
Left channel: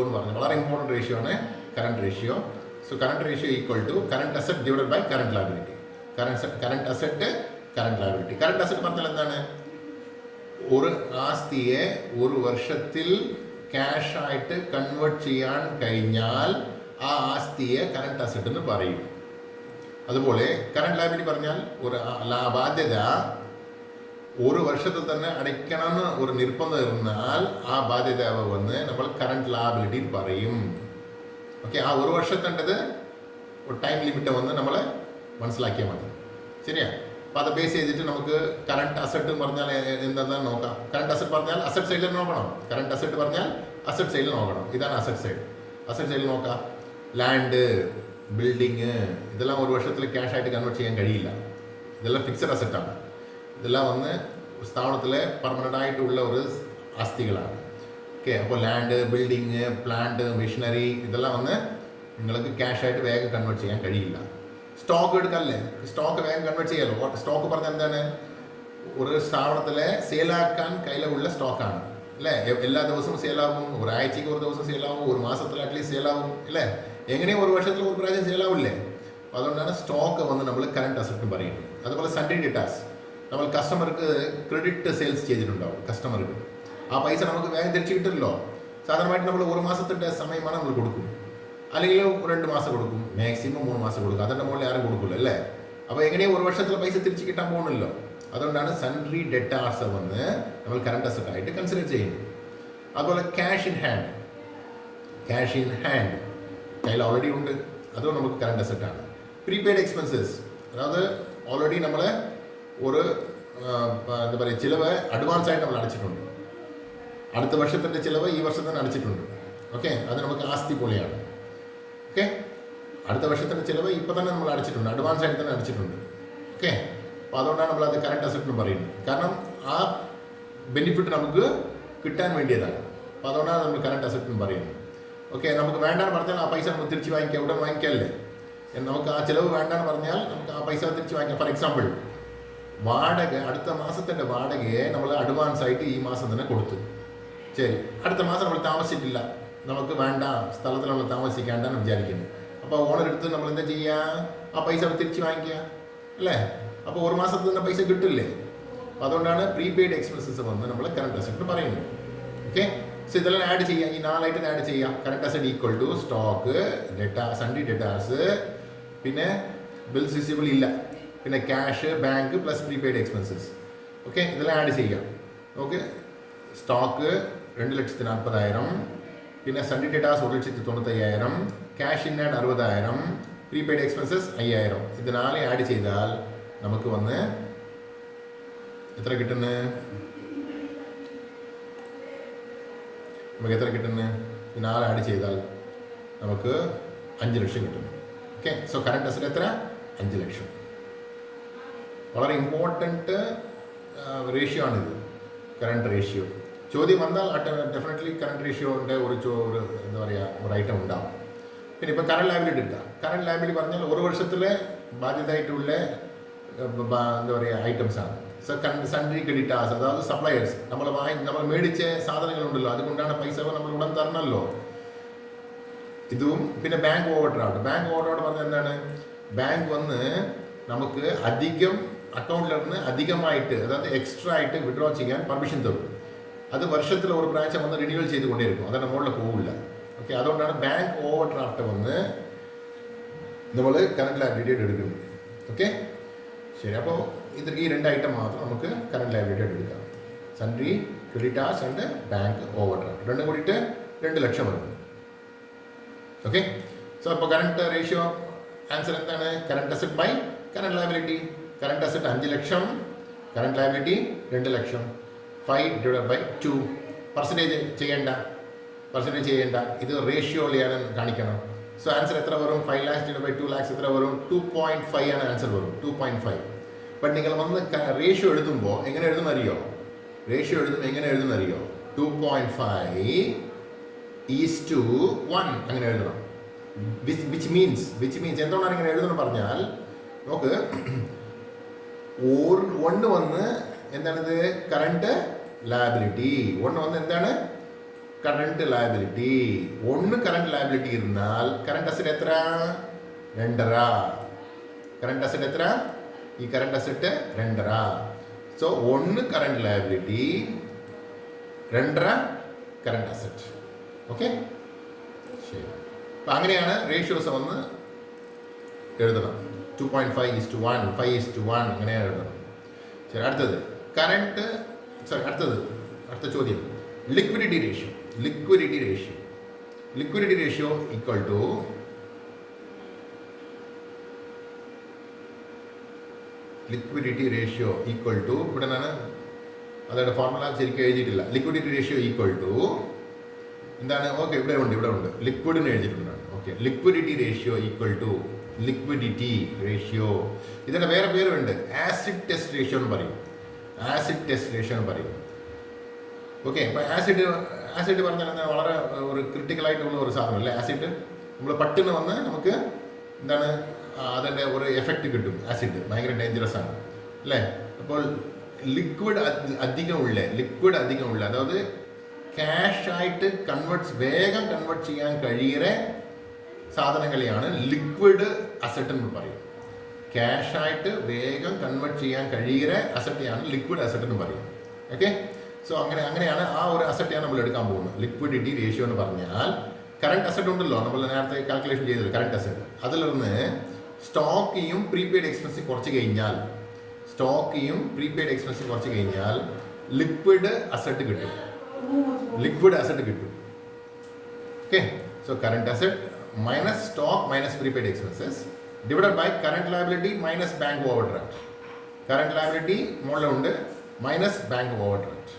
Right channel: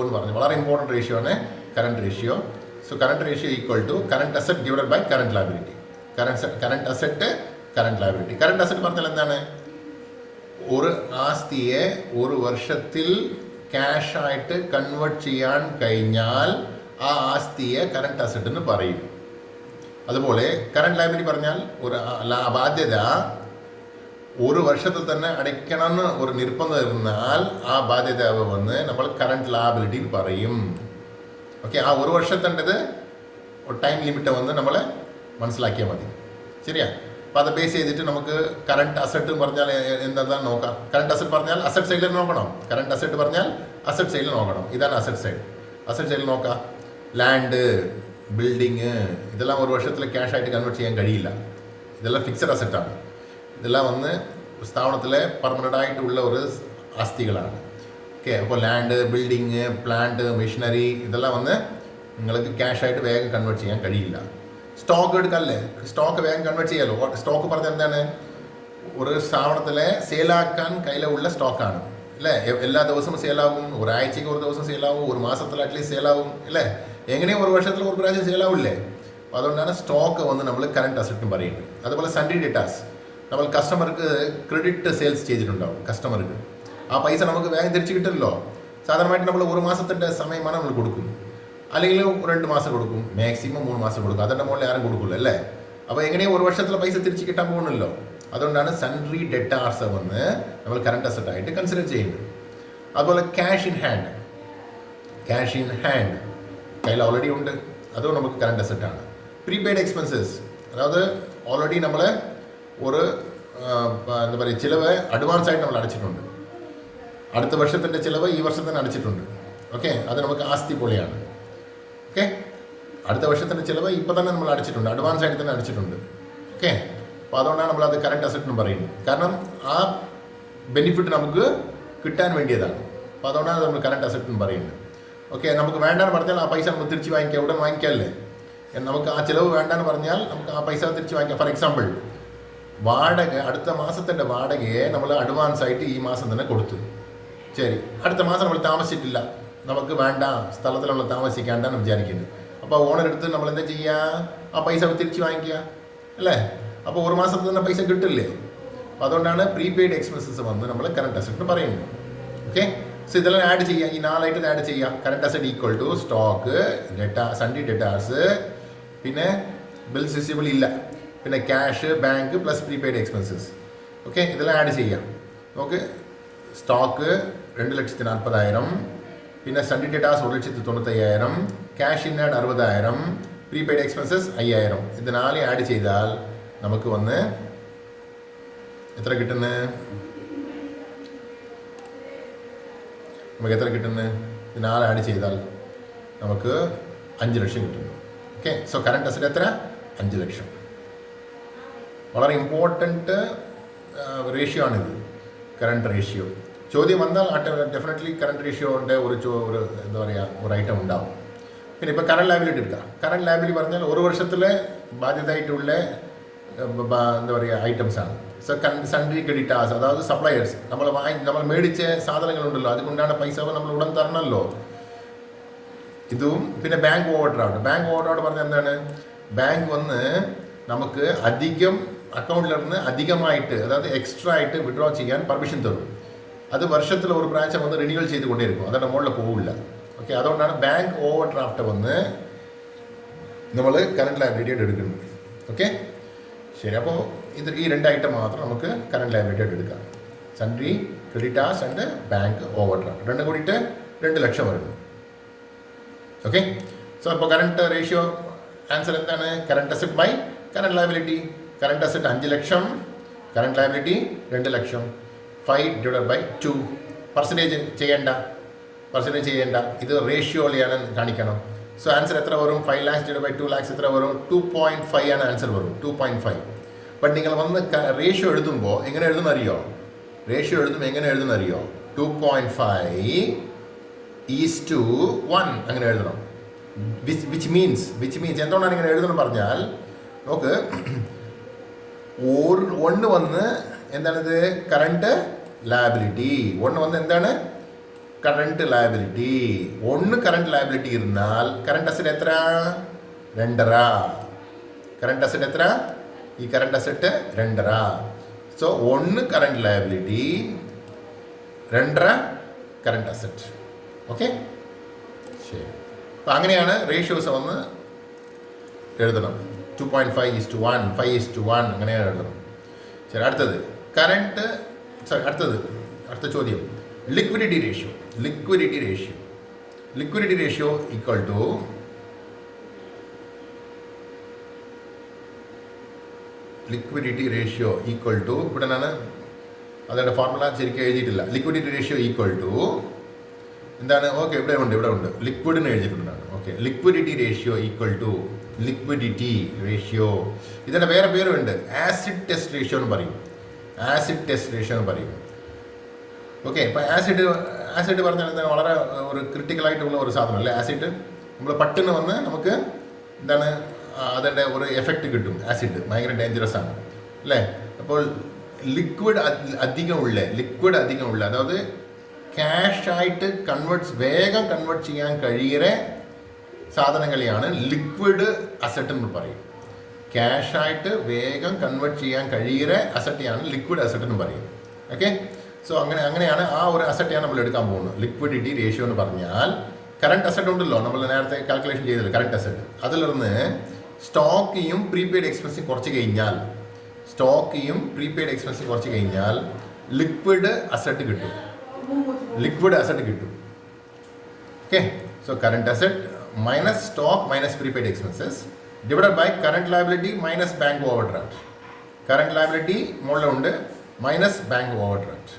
എന്ന് പറഞ്ഞു, വളരെ ഇമ്പോർട്ടൻറ്റ് റേഷ്യോ ആണ് current ratio. So current ratio equal to current asset divided by current liability. Current asset, current liability. Current asset പറഞ്ഞാൽ എന്താണ്? ഒരു ആസ്തിയെ ഒരു വർഷത്തിൽ ക്യാഷായിട്ട് കൺവേർട്ട് ചെയ്യാൻ കഴിഞ്ഞാൽ ആ ആസ്തിയെ കറണ്ട് അസറ്റ് എന്ന് പറയും. അതുപോലെ കറണ്ട് ലയബിലിറ്റി പറഞ്ഞാൽ ഒരു ബാധ്യത ഒരു വർഷത്തിൽ തന്നെ അടയ്ക്കണമെന്ന് ഒരു നിർബന്ധം ഇരുന്നാൽ ആ ബാധ്യത വന്ന് നമ്മൾ കറണ്ട് ലയബിലിറ്റി പറയും. ഓക്കെ, ആ ഒരു വർഷത്തേണ്ടത് ഒരു ടൈം ലിമിറ്റ് വന്ന് നമ്മൾ മനസ്സിലാക്കിയാൽ മതി. ശരിയാ? അപ്പോൾ അത് ബേസ് ചെയ്തിട്ട് നമുക്ക് കറണ്ട് അസറ്റ് പറഞ്ഞാൽ എന്താണെന്ന് നോക്കാം. കറണ്ട് അസറ്റ് പറഞ്ഞാൽ അസറ്റ് സൈഡിൽ നോക്കണം. കറണ്ട് അസറ്റ് പറഞ്ഞാൽ അസറ്റ് സൈഡിൽ നോക്കണം. ഇതാണ് അസറ്റ് സൈഡ്. അസറ്റ് സൈഡിൽ നോക്കാം. ലാൻഡ്, ബിൽഡിങ്, ഇതെല്ലാം ഒരു വർഷത്തിൽ ക്യാഷായിട്ട് കൺവേർട്ട് ചെയ്യാൻ കഴിയില്ല. ഇതെല്ലാം ഫിക്സഡ് അസറ്റാണ്. ഇതെല്ലാം വന്ന് സ്ഥാപനത്തിലെ പെർമനൻ്റ് ആയിട്ടുള്ള ഒരു ആസ്തികളാണ്. ഓക്കെ, അപ്പോൾ ലാൻഡ്, ബിൽഡിങ്, പ്ലാന്റ്, മെഷീനറി, ഇതെല്ലാം വന്ന് നിങ്ങൾക്ക് ക്യാഷായിട്ട് വേഗം കൺവേർട്ട് ചെയ്യാൻ കഴിയില്ല. സ്റ്റോക്ക് എടുക്കാനല്ലേ, സ്റ്റോക്ക് വേഗം കൺവേർട്ട് ചെയ്യാമല്ലോ. സ്റ്റോക്ക് പറഞ്ഞാൽ എന്താണ്? ഒരു സ്ഥാപനത്തിലെ സെയിലാക്കാൻ കയ്യിലുള്ള സ്റ്റോക്കാണ് അല്ലേ? എല്ലാ ദിവസവും സെയിലാവും, ഒരാഴ്ചയ്ക്ക് ഒരു ദിവസം സെയിലാവും, ഒരു മാസത്തിൽ അറ്റ്ലീസ്റ്റ് സെയിലാവും അല്ലേ? എങ്ങനെയും ഒരു വർഷത്തിൽ ഒരു പ്രാവശ്യം സെയിലാവില്ലേ? അപ്പോൾ അതുകൊണ്ടാണ് സ്റ്റോക്ക് വന്ന് നമ്മൾ കറണ്ട് അസറ്റും പറയുന്നത്. അതുപോലെ സൺഡേ ഡേറ്റാസ്, നമ്മൾ കസ്റ്റമർക്ക് ക്രെഡിറ്റ് സെയിൽസ് ചെയ്തിട്ടുണ്ടാവും. കസ്റ്റമർക്ക് ആ പൈസ നമുക്ക് വേഗം തിരിച്ച് കിട്ടില്ലല്ലോ. സാധാരണമായിട്ട് നമ്മൾ ഒരു മാസത്തിൻ്റെ സമയമാണ് നമ്മൾ കൊടുക്കും, അല്ലെങ്കിൽ 2 മാസം കൊടുക്കും, മാക്സിമം 3 മാസം കൊടുക്കും. അതിൻ്റെ മുകളിൽ ആരും കൊടുക്കില്ല അല്ലേ? അപ്പോൾ എങ്ങനെയും ഒരു വർഷത്തിലെ പൈസ തിരിച്ച് കിട്ടാൻ പോകുന്നില്ലോ. അതുകൊണ്ടാണ് സൺഡ്രി ഡെറ്റാർസ് വന്ന് നമ്മൾ കറണ്ട് അസറ്റ് ആയിട്ട് കൺസിഡർ ചെയ്യുന്നത്. അതുപോലെ ക്യാഷ് ഇൻ ഹാൻഡ് കയ്യിൽ ഓൾറെഡി ഉണ്ട്, അതും നമുക്ക് കറണ്ട് അസറ്റാണ്. പ്രീപെയ്ഡ് എക്സ്പെൻസസ്, അതായത് ഓൾറെഡി നമ്മൾ ഒരു എന്താ പറയുക ചിലവ് അഡ്വാൻസ് ആയിട്ട് നമ്മൾ അടച്ചിട്ടുണ്ട്. അടുത്ത വർഷത്തിൻ്റെ ചിലവ് ഈ വർഷം തന്നെ അടച്ചിട്ടുണ്ട്. ഓക്കെ, അത് നമുക്ക് ആസ്തി പോലെയാണ്. ഓക്കെ, അടുത്ത വർഷത്തിൻ്റെ ചിലവ് ഇപ്പോൾ തന്നെ നമ്മൾ അടച്ചിട്ടുണ്ട്, അഡ്വാൻസ് ആയിട്ട് തന്നെ അടച്ചിട്ടുണ്ട്. ഓക്കെ, അപ്പോൾ അതുകൊണ്ടാണ് നമ്മളത് കറണ്ട് അസറ്റ് എന്ന് പറയുന്നത്. കാരണം ആ ബെനിഫിറ്റ് നമുക്ക് കിട്ടാൻ വേണ്ടിയതാണ്. അപ്പോൾ അതുകൊണ്ടാണ് നമ്മൾ കറണ്ട് അസറ്റ് എന്ന് പറയുന്നത്. ഓക്കെ, നമുക്ക് വേണ്ടാന്ന് പറഞ്ഞാൽ ആ പൈസ നമുക്ക് തിരിച്ച് വാങ്ങിക്കാം, എവിടെ വാങ്ങിക്കാമല്ലേ? നമുക്ക് ആ ചിലവ് വേണ്ടാന്ന് പറഞ്ഞാൽ നമുക്ക് ആ പൈസ തിരിച്ച് വാങ്ങിക്കാം. ഫോർ എക്സാമ്പിൾ, വാടക, അടുത്ത മാസത്തിൻ്റെ വാടകയെ നമ്മൾ അഡ്വാൻസ് ആയിട്ട് ഈ മാസം തന്നെ കൊടുത്തു. ശരി, അടുത്ത മാസം നമ്മൾ താമസിച്ചിട്ടില്ല, നമുക്ക് വേണ്ട, സ്ഥലത്തിൽ നമ്മൾ താമസിക്കാണ്ടാണ് വിചാരിക്കുന്നത്. അപ്പോൾ ഓണർ എടുത്ത് നമ്മൾ എന്താ ചെയ്യുക? ആ പൈസ തിരിച്ച് വാങ്ങിക്കുക അല്ലേ? അപ്പോൾ ഒരു മാസത്തിൽ തന്നെ പൈസ കിട്ടില്ലേ? അപ്പോൾ അതുകൊണ്ടാണ് പ്രീപെയ്ഡ് എക്സ്പെൻസസ് വന്ന് നമ്മൾ കറണ്ട് അസറ്റ് പറയുന്നത്. ഓക്കെ, സോ ഇതെല്ലാം ആഡ് ചെയ്യുക, ഈ 4 ഐറ്റം ആഡ് ചെയ്യുക. Current asset equal to stock, sundry debtors, പിന്നെ ബിൽസ് റിസീവബിൾ ഇല്ല, പിന്നെ cash, bank plus prepaid expenses. Okay, ഇതെല്ലാം ആഡ് ചെയ്യാം. നമുക്ക് സ്റ്റോക്ക് 2,40,000, പിന്നെ sundry debtors 1,95,000, cash in hand 60,000, prepaid expenses 5,000. ഇത് 4 ആഡ് ചെയ്താൽ നമുക്ക് വന്ന് എത്ര കിട്ടുന്നത്? നമുക്ക് എത്ര കിട്ടുന്നത്? പിന്നെ 4 ആഡ് ചെയ്താൽ നമുക്ക് 5 ലക്ഷം കിട്ടുന്നു. ഓക്കെ, സോ കറണ്ട് അസറ്റ് എത്ര? 5 ലക്ഷം. വളരെ ഇമ്പോർട്ടൻറ്റ് റേഷ്യോ ആണിത്, കറണ്ട് റേഷ്യോ. ചോദ്യം വന്നാൽ ഡെഫിനറ്റ്ലി കറണ്ട് റേഷ്യോൻ്റെ ഒരു എന്താ പറയുക, ഒരു ഐറ്റം ഉണ്ടാവും. പിന്നെ ഇപ്പോൾ കറണ്ട് ലയബിലിറ്റി എടുക്കാം. കറണ്ട് ലയബിലിറ്റി പറഞ്ഞാൽ ഒരു വർഷത്തിലെ ബാധ്യതയായിട്ടുള്ള എന്താ പറയുക ഐറ്റംസ് ആണ്. സോ സൺഡ്രി ക്രെഡിറ്റാസ്, അതായത് സപ്ലയേഴ്സ്, നമ്മൾ മേടിച്ച സാധനങ്ങളുണ്ടല്ലോ, അതുകൊണ്ടാണ് പൈസ നമ്മൾ ഉടൻ തരണമല്ലോ. ഇതും പിന്നെ bank overdraft. Bank over draft പറഞ്ഞാൽ എന്താണ്? ബാങ്ക് വന്ന് നമുക്ക് അധികം അക്കൗണ്ടിലിരുന്ന് അധികമായിട്ട്, അതായത് എക്സ്ട്രാ ആയിട്ട് വിഡ്രോ ചെയ്യാൻ പെർമിഷൻ തരും. അത് വർഷത്തിൽ ഒരു പ്രാവശ്യം വന്ന് റിന്യൂവൽ ചെയ്തുകൊണ്ടേയിരിക്കും, അതാണ് മുകളിൽ പോവില്ല. ഓക്കെ, അതുകൊണ്ടാണ് ബാങ്ക് ഓവർ ഡ്രാഫ്റ്റ് വന്ന് നമ്മൾ കറണ്ട് ലയബിലിറ്റി ആയിട്ട് എടുക്കുന്നത്. ഓക്കെ, ശരി. അപ്പോൾ ഈ 2 ഐറ്റം മാത്രം നമുക്ക് കറണ്ട് ലയബിലിറ്റി ആയിട്ട് എടുക്കാം. Sundry creditors and bank overdraft രണ്ടും കൂടിയിട്ട് 2 ലക്ഷം വരുന്നു. ഓക്കെ, സോ അപ്പോൾ കറണ്ട് റേഷ്യോ ആൻസർ എന്താണ്? Current asset by current liability. Current asset 5 lakh, current liability 2 lakh. 5/2. Percentage ചെയ്യേണ്ട, ഇത് റേഷ്യോയിലാണ് കാണിക്കണം. സോ ആൻസർ എത്ര വരും? 5 lakhs / 2 lakhs എത്ര വരും? 2.5 ആണ് ആൻസർ വരും, 2.5. ബട്ട് നിങ്ങൾ വന്ന് റേഷ്യോ എഴുതുമ്പോൾ എങ്ങനെ എഴുതുന്നറിയോ? 2.5:1 അങ്ങനെ എഴുതണം. വിച്ച് മീൻസ് എന്തുകൊണ്ടാണ് ഇങ്ങനെ എഴുതണം പറഞ്ഞാൽ, നോക്ക്, 1 വന്ന് എന്താണിത്? Current liability. 1 വന്ന് എന്താണ്? Current liability. 1 കറണ്ട് ലയബിലിറ്റി ഇരുന്നാൽ കറണ്ട് അസറ്റ് എത്ര? 2.5. കറണ്ട് അസറ്റ് എത്ര? ഈ current asset 2.5. So 1 current liability, 2.5 current asset. Okay, ശരി. അപ്പം അങ്ങനെയാണ് റേഷ്യോസ് ഒന്ന് എഴുതണം. 2.5:1, 5:1 അങ്ങനെയാണ് എഴുതണം. ശരി, അടുത്തത് അടുത്ത ചോദ്യം liquidity ratio. Liquidity ratio equal to ഇവിടെ നിന്നാണ് അതായത് ഫോർമുല ശരിക്കും എഴുതിയിട്ടില്ല. ലിക്വിഡിറ്റി റേഷ്യോ ഈക്വൽ ടു എന്താണ്? ഓക്കെ, ഇവിടെ ഉണ്ട് ലിക്വിഡിന് എഴുതിയിട്ടുണ്ടാണ്. Okay, liquidity ratio equal to ഇതിൻ്റെ വേറെ പേരുണ്ട്. ആസിഡ് ടെസ്റ്റ് റേഷ്യോ എന്ന് പറയും. ഓക്കെ, ഇപ്പോൾ ആസിഡ് പറഞ്ഞാൽ എന്താണ്? വളരെ ഒരു ക്രിട്ടിക്കലായിട്ടുള്ള ഒരു സാധനം അല്ലേ ആസിഡ്. നമ്മൾ പട്ടിന് വന്ന് നമുക്ക് എന്താണ് അതിൻ്റെ ഒരു എഫക്റ്റ് കിട്ടും. ആസിഡ് ഭയങ്കര ഡേഞ്ചറസ് ആണ് അല്ലേ? അപ്പോൾ ലിക്വിഡ് അധികമുള്ള അതായത് ക്യാഷായിട്ട് വേഗം കൺവേർട്ട് ചെയ്യാൻ കഴിയുന്ന സാധനങ്ങളെയാണ് ലിക്വിഡ് അസറ്റ് എന്ന് പറയും. ക്യാഷായിട്ട് വേഗം കൺവേർട്ട് ചെയ്യാൻ കഴിയുന്ന അസറ്റാണ് ലിക്വിഡ് അസറ്റ് എന്ന് പറയും. ഓക്കെ, സോ അങ്ങനെയാണ് ആ ഒരു അസറ്റാണ് നമ്മൾ എടുക്കാൻ പോകുന്നത്. ലിക്വിഡിറ്റി റേഷ്യോ എന്ന് പറഞ്ഞാൽ കറണ്ട് അസറ്റ് ഉണ്ടല്ലോ, നമ്മൾ നേരത്തെ കാൽക്കുലേഷൻ ചെയ്തല്ലോ കറണ്ട് അസറ്റ്. അതിലിരുന്ന് സ്റ്റോക്കിയും പ്രീപെയ്ഡ് എക്സ്പെൻസും കുറച്ച് കഴിഞ്ഞാൽ ലിക്വിഡ് അസറ്റ് കിട്ടും. Okay, so current asset minus stock minus prepaid expenses divided by current liability minus bank overdraft. Current liability മുകളിലുണ്ട് minus bank overdraft.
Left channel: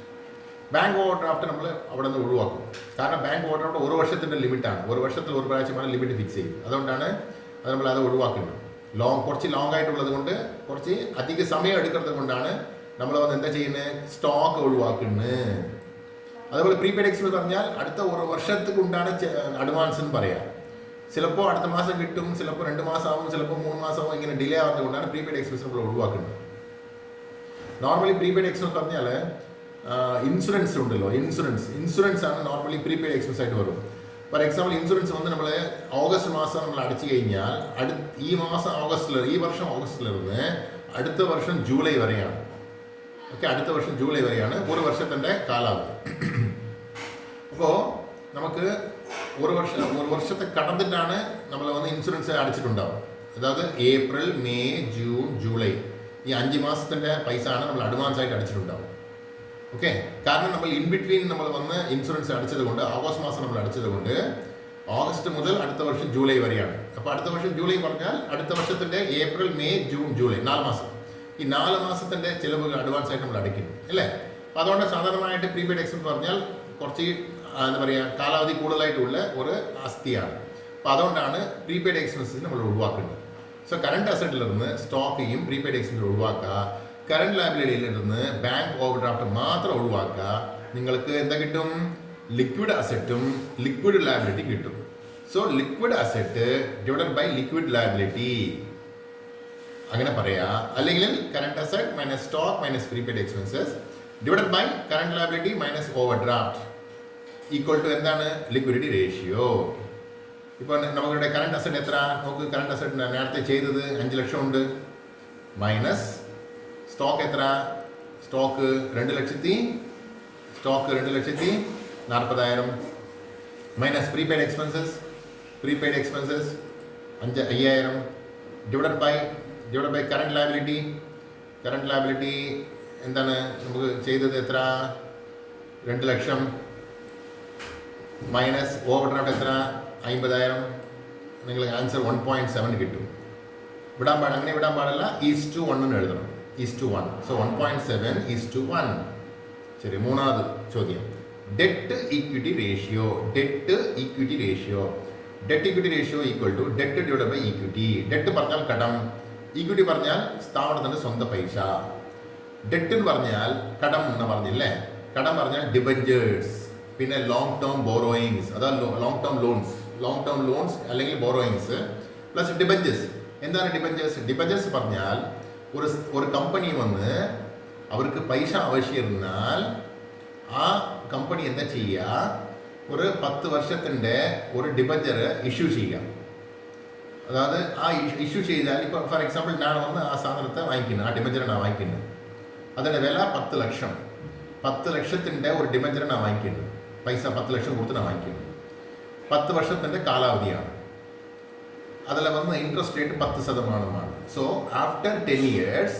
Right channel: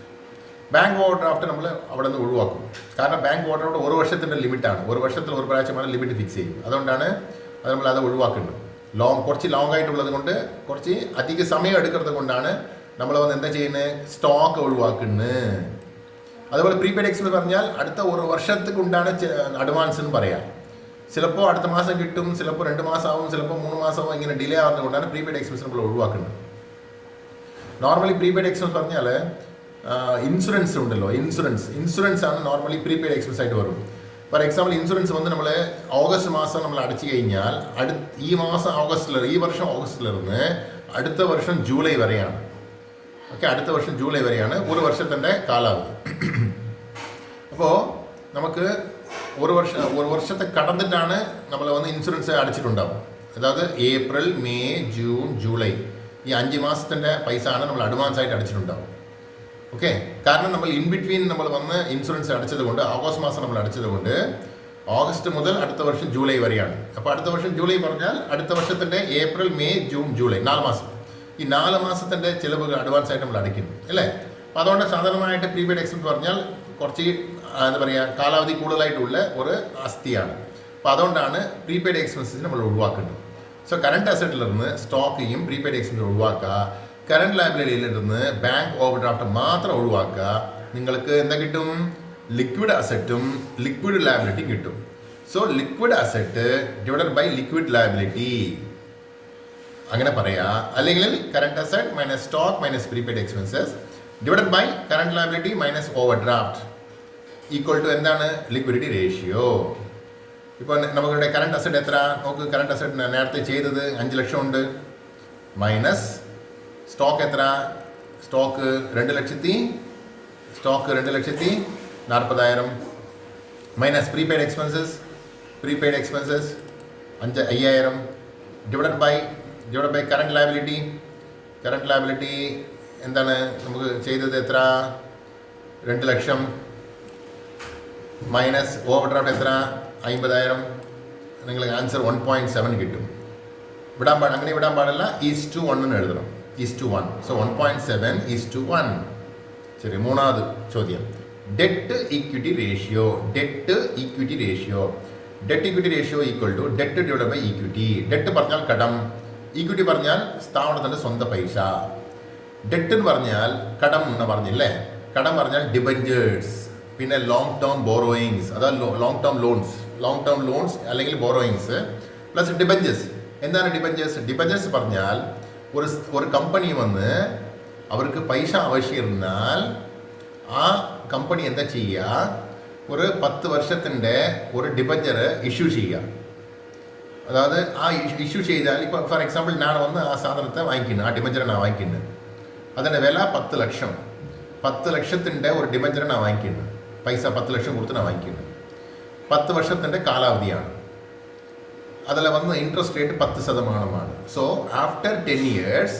Bank overdraft നമ്മൾ അവിടെ നിന്ന് ഒഴിവാക്കും. കാരണം ബാങ്ക് ഓവർ ഡ്രാഫ്റ്റ് 1 വർഷത്തിൻ്റെ ലിമിറ്റാണ്. 1 വർഷത്തിൽ ഒരു പ്രാവശ്യമാണ് ലിമിറ്റ് ഫിക്സ് ചെയ്യും. അതുകൊണ്ടാണ് നമ്മളത് ഒഴിവാക്കുന്നത്. കുറച്ച് ലോങ് ആയിട്ടുള്ളത് കൊണ്ട്, കുറച്ച് അധിക സമയം എടുക്കുന്നത് കൊണ്ടാണ് നമ്മൾ വന്ന് എന്താ ചെയ്യുന്നത്? സ്റ്റോക്ക് ഒഴിവാക്കുന്നത്. അതുപോലെ പ്രീപെയ്ഡ് എക്സ്പെൻസ് പറഞ്ഞാൽ അടുത്ത 1 വർഷത്തേക്ക് കൊണ്ടാണ് അഡ്വാൻസ് എന്ന് പറയാം. ചിലപ്പോൾ അടുത്ത മാസം കിട്ടും, ചിലപ്പോൾ 2 മാസം ആവും, ചിലപ്പോൾ 3 മാസം ആവും. ഇങ്ങനെ ഡിലേ ആവുന്നത് കൊണ്ടാണ് പ്രീപെയ്ഡ് എക്സ്പെൻസ് നമ്മൾ ഒഴിവാക്കുന്നത്. നോർമലി പ്രീപെയ്ഡ് എക്സ്പെൻസ് പറഞ്ഞാൽ ഇൻഷുറൻസ് ഉണ്ടല്ലോ, ഇൻഷുറൻസ് ആണ് നോർമലി പ്രീപെയ്ഡ് എക്സ്പെൻസ് ആയിട്ട് വരും. ഫോർ എക്സാമ്പിൾ, ഇൻഷുറൻസ് വന്ന് നമ്മൾ ഓഗസ്റ്റ് മാസം നമ്മൾ അടച്ചു കഴിഞ്ഞാൽ ഈ വർഷം ഓഗസ്റ്റിലിരുന്ന് അടുത്ത വർഷം ജൂലൈ വരെയാണ്. ഓക്കെ, അടുത്ത വർഷം ജൂലൈ വരെയാണ് 1 വർഷത്തിൻ്റെ കാലാവധി. അപ്പോൾ നമുക്ക് 1 വർഷത്തെ കടന്നിട്ടാണ് നമ്മൾ വന്ന് ഇൻഷുറൻസ് അടച്ചിട്ടുണ്ടാവും. അതായത് ഏപ്രിൽ, മെയ്, ജൂൺ, ജൂലൈ ഈ 5 മാസത്തിൻ്റെ പൈസ ആണ് നമ്മൾ അഡ്വാൻസ് ആയിട്ട് അടച്ചിട്ടുണ്ടാവും. ഓക്കെ, കാരണം നമ്മൾ ഇൻ ബിറ്റ്വീൻ നമ്മൾ വന്ന് ഇൻഷുറൻസ് അടച്ചത് കൊണ്ട്, ഓഗസ്റ്റ് മാസം നമ്മൾ അടച്ചത് കൊണ്ട് ഓഗസ്റ്റ് മുതൽ അടുത്ത വർഷം ജൂലൈ വരെയാണ്. അപ്പോൾ അടുത്ത വർഷം ജൂലൈ പറഞ്ഞാൽ അടുത്ത വർഷത്തിൻ്റെ ഏപ്രിൽ, മെയ്, ജൂൺ, ജൂലൈ 4 മാസം. ഈ 4 മാസത്തിൻ്റെ ചിലവുകൾ അഡ്വാൻസ് ആയിട്ട് നമ്മൾ അടയ്ക്കുന്നു അല്ലേ. അപ്പോൾ അതുകൊണ്ട് സാധാരണമായിട്ട് പ്രീപെയ്ഡ് എക്സ്പെൻസ് പറഞ്ഞാൽ കുറച്ച് എന്താ പറയുക കാലാവധി കൂടുതലായിട്ടുള്ള ഒരു ആസ്തിയാണ്. അപ്പോൾ അതുകൊണ്ടാണ് പ്രീപെയ്ഡ് എക്സ്പെൻസസ് നമ്മൾ ഒഴിവാക്കുന്നത്. സോ കറണ്ട് അസറ്റിൽ നിന്ന് സ്റ്റോക്കെയും പ്രീപെയ്ഡ് എക്സ്പെൻസ് ഒഴിവാക്കുക. കറണ്ട് ലയബിലിറ്റിയിൽ നിന്ന് ബാങ്ക് ഓവർ ഡ്രാഫ്റ്റ് മാത്രം ഒഴിവാക്കുക. നിങ്ങൾക്ക് എന്താ കിട്ടും? ലിക്വിഡ് അസറ്റും ലിക്വിഡ് ലയബിലിറ്റി കിട്ടും. So liquid asset divided by liquid liability അങ്ങനെ പറയാ. അല്ലെങ്കിൽ current asset minus stock minus prepaid expenses divided by current liability minus overdraft equal to എന്താണ്? Liquidity ratio. ഇപ്പോൾ നമുക്കിവിടെ കറണ്ട് അസറ്റ് എത്ര നോക്ക്. കറണ്ട് അസറ്റ് നേരത്തെ ചെയ്തത് 5 ലക്ഷം ഉണ്ട്. മൈനസ് സ്റ്റോക്ക് എത്ര? Stock 2,40,000 minus prepaid expenses 5,000 divided by current liability എന്താണ് നമുക്ക് ചെയ്തത് എത്ര? 2 ലക്ഷം മൈനസ് ഓവർ ഡ്രാഫ്റ്റ് എത്ര? 50,000. നിങ്ങൾക്ക് ആൻസർ 1.7 കിട്ടും. അങ്ങനെ വിടാൻ പാടില്ല. (1) എന്ന് എഴുതണം. (1). സോ 1.7:1. ശരി. മൂന്നാമത് ചോദ്യം, debt equity ratio equal to debt divide by equity. Debt പറഞ്ഞാൽ കടം, ഈക്വിറ്റി പറഞ്ഞാൽ സ്ഥാപനത്തിൻ്റെ സ്വന്തം പൈസ. ഡെറ്റ് എന്ന് പറഞ്ഞാൽ കടം എന്ന് പറഞ്ഞില്ലേ. കടം പറഞ്ഞാൽ ഡിബഞ്ചേഴ്സ്, പിന്നെ ലോങ് ടേം ബോറോയിങ്സ്, അതായത് ലോങ് ടേം ലോൺസ് അല്ലെങ്കിൽ ബോറോയിങ്സ് പ്ലസ് ഡിബഞ്ചേഴ്സ്. എന്താണ് ഡിബഞ്ചേഴ്സ്? ഡിബഞ്ചേഴ്സ് പറഞ്ഞാൽ ഒരു കമ്പനി വന്ന് അവർക്ക് പൈസ ആവശ്യമിരുന്നാൽ ആ കമ്പനി എന്താ ചെയ്യുക? ഒരു 10 വർഷത്തിൻ്റെ ഒരു ഡിബഞ്ചർ ഇഷ്യൂ ചെയ്യുക. അതായത് ആ ഇഷ്യൂ ചെയ്താൽ ഇപ്പോൾ ഫോർ എക്സാമ്പിൾ ഞാൻ വന്ന് ആ സാധനത്തെ വാങ്ങിക്കുന്നത്, ആ ഡിബഞ്ചറിനാണ് വാങ്ങിക്കുന്നത്. അതിൻ്റെ വില 10 ലക്ഷം. 10 ലക്ഷത്തിൻ്റെ ഒരു ഡിബഞ്ചറിനാണ് വാങ്ങിക്കുന്നത്. പൈസ 10 ലക്ഷം കൊടുത്തിട്ടാണ് വാങ്ങിക്കുന്നത്. 10 വർഷത്തിൻ്റെ കാലാവധിയാണ്. അതിൽ വന്ന് interest rate 10%. So after 10 years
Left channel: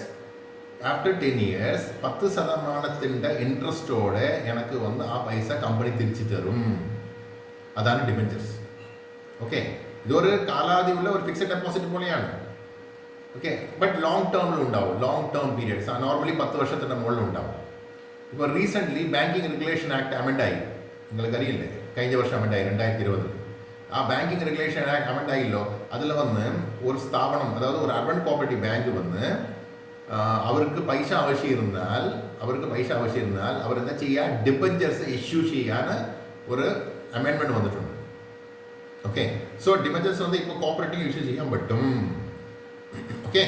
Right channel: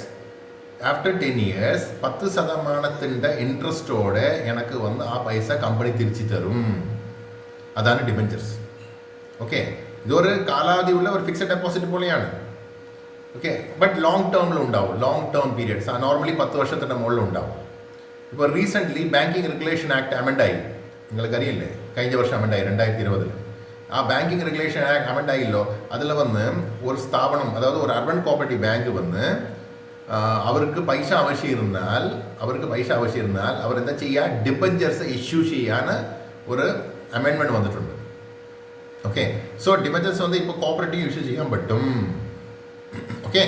10% ഇൻട്രസ്റ്റോടെ എനിക്ക് വന്ന് ആ പൈസ കമ്പനി തിരിച്ചു തരും. അതാണ് ഡിബഞ്ചേഴ്സ്. ഓക്കെ, ഇതൊരു കാലാവധിയുള്ള ഒരു ഫിക്സഡ് ഡെപ്പോസിറ്റ് പോലെയാണ്. ഓക്കെ, ബട്ട് ലോങ് ടേമിലും ഉണ്ടാവും. ലോങ് ടേം പീരിയഡ്സ് നോർമലി 10 വർഷത്തിൻ്റെ മുകളിൽ ഉണ്ടാവും. ഇപ്പോൾ റീസെൻ്റ്ലി ബാങ്കിങ് റെഗുലേഷൻ ആക്ട് അമെൻഡായി. നിങ്ങൾക്കറിയില്ലേ? കഴിഞ്ഞ വർഷം അമെൻഡായി 2020. ആ ബാങ്കിങ് റെഗുലേഷൻ ആക്ട് അമെൻഡായില്ലോ. അതിൽ വന്ന് ഒരു സ്ഥാപനം, അതായത് ഒരു അർബൻ കോപ്പറേറ്റീവ് ബാങ്ക് വന്ന് അവർക്ക് പൈസ ആവശ്യമിരുന്നാൽ അവരെന്താ ചെയ്യുക? ഡിബഞ്ചേഴ്സ് ഇഷ്യൂ ചെയ്യാൻ ഒരു അമെൻമെൻറ്റ് വന്നിട്ടുണ്ട്. ഓക്കെ, സോ ഡിബഞ്ചേഴ്സ് വന്ന് ഇപ്പോൾ കോപ്പറേറ്റീവ് ഇഷ്യൂ ചെയ്യാൻ പറ്റും. ഓക്കെ,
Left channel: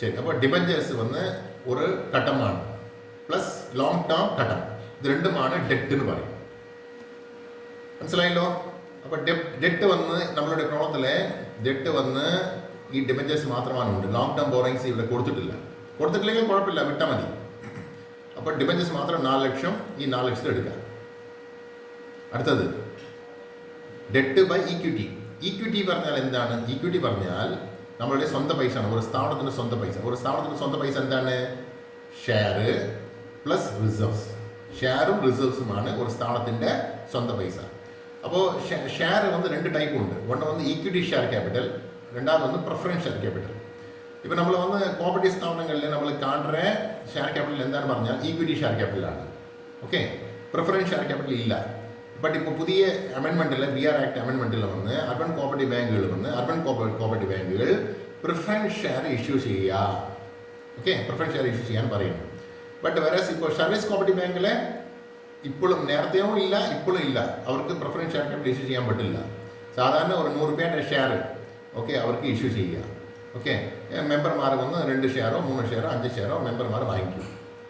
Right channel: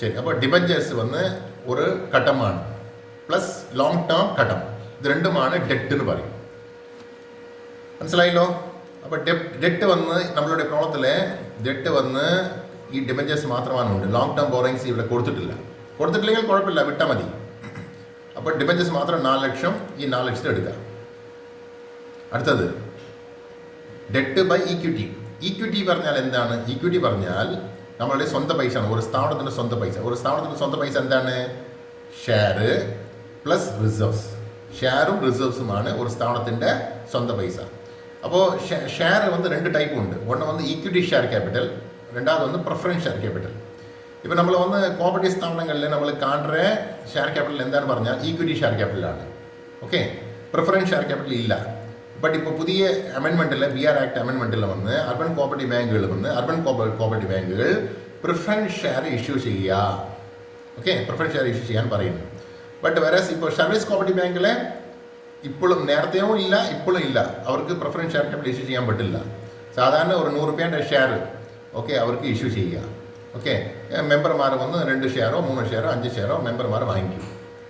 ശരി. അപ്പോൾ ഡിബഞ്ചേഴ്സ് വന്ന് ഒരു ഘട്ടമാണ് പ്ലസ് ലോങ് ടേം ഘട്ടം. ഇത് രണ്ടുമാണ് ഡെറ്റ് എന്ന് പറയും. മനസ്സിലായല്ലോ? അപ്പോൾ ഡെറ്റ് വന്ന് നമ്മളുടെ പ്രോബ്ലത്തിലെ ഡെറ്റ് വന്ന് ഈ ഡിബഞ്ചേഴ്സ് മാത്രമാണ് ഉണ്ട്. ലോങ് ടേം ബോറിങ്സ് ഇവിടെ കൊടുത്തിട്ടില്ലെങ്കിൽ കുഴപ്പമില്ല, വിട്ടാൽ മതി. അപ്പോൾ ഡിബഞ്ചേഴ്സ് മാത്രം 4 ലക്ഷം. ഈ 4 ലക്ഷത്തെ എടുക്കാം. അടുത്തത് ഡെറ്റ് ബൈ ഈക്വിറ്റി പറഞ്ഞാൽ എന്താണ്? ഈക്വിറ്റി പറഞ്ഞാൽ നമ്മളുടെ സ്വന്തം പൈസയാണ്. ഒരു സ്ഥാപനത്തിൻ്റെ സ്വന്തം പൈസ എന്താണ്? Share plus reserves. ഷെയറും റിസർവ്സുമാണ് ഒരു സ്ഥാപനത്തിൻ്റെ സ്വന്തം പൈസ. അപ്പോൾ ഷെയർ വന്ന് 2 ടൈപ്പ് ഉണ്ട്. ഒന്ന് വന്ന് ഈക്വിറ്റി ഷെയർ ക്യാപിറ്റൽ, രണ്ടാമത് വന്ന് പ്രിഫറൻസ് ഷെയർ ക്യാപിറ്റൽ. ഇപ്പോൾ നമ്മൾ വന്ന് കോപ്പറേറ്റീവ് സ്ഥാപനങ്ങളിൽ നമ്മൾ കാണുന്ന ഷെയർ ക്യാപിറ്റൽ എന്താണെന്ന് പറഞ്ഞാൽ ഈക്വിറ്റി ഷെയർ ക്യാപിറ്റലാണ്. ഓക്കെ, പ്രിഫറൻസ് ഷെയർ ക്യാപിറ്റൽ ഇല്ല. ബട്ട് ഇപ്പോൾ പുതിയ അമെൻമെൻറ്റിൽ BR ആക്ട് അമെൻമെൻറ്റിൽ വന്ന് അർബൻ കോപ്പറേറ്റീവ് ബാങ്കുകൾ പ്രിഫറൻസ് ഷെയർ ഇഷ്യൂ ചെയ്യുക. ഓക്കെ, പ്രിഫറൻസ് ഷെയർ ഇഷ്യൂ ചെയ്യാൻ പറയുന്നു. ബട്ട് വേറെസ് ഇപ്പോൾ സർവീസ് കോപ്പറേറ്റീവ് ബാങ്കിൽ ഇപ്പോഴും നേരത്തെയും ഇല്ല ഇപ്പോഴും ഇല്ല. അവർക്ക് പ്രിഫറൻസ് ഷെയർ ക്യാപിറ്റൽ ഇഷ്യൂ ചെയ്യാൻ പറ്റില്ല. സാധാരണ ഒരു 100 രൂപയുടെ ഷെയർ ഓക്കെ അവർക്ക് ഇഷ്യൂ ചെയ്യുക. ഓക്കെ, മെമ്പർമാർ വന്ന് 2 ഷെയറോ 3 ഷെയറോ 5 ഷെയറോ മെമ്പർമാർ വാങ്ങിക്കും.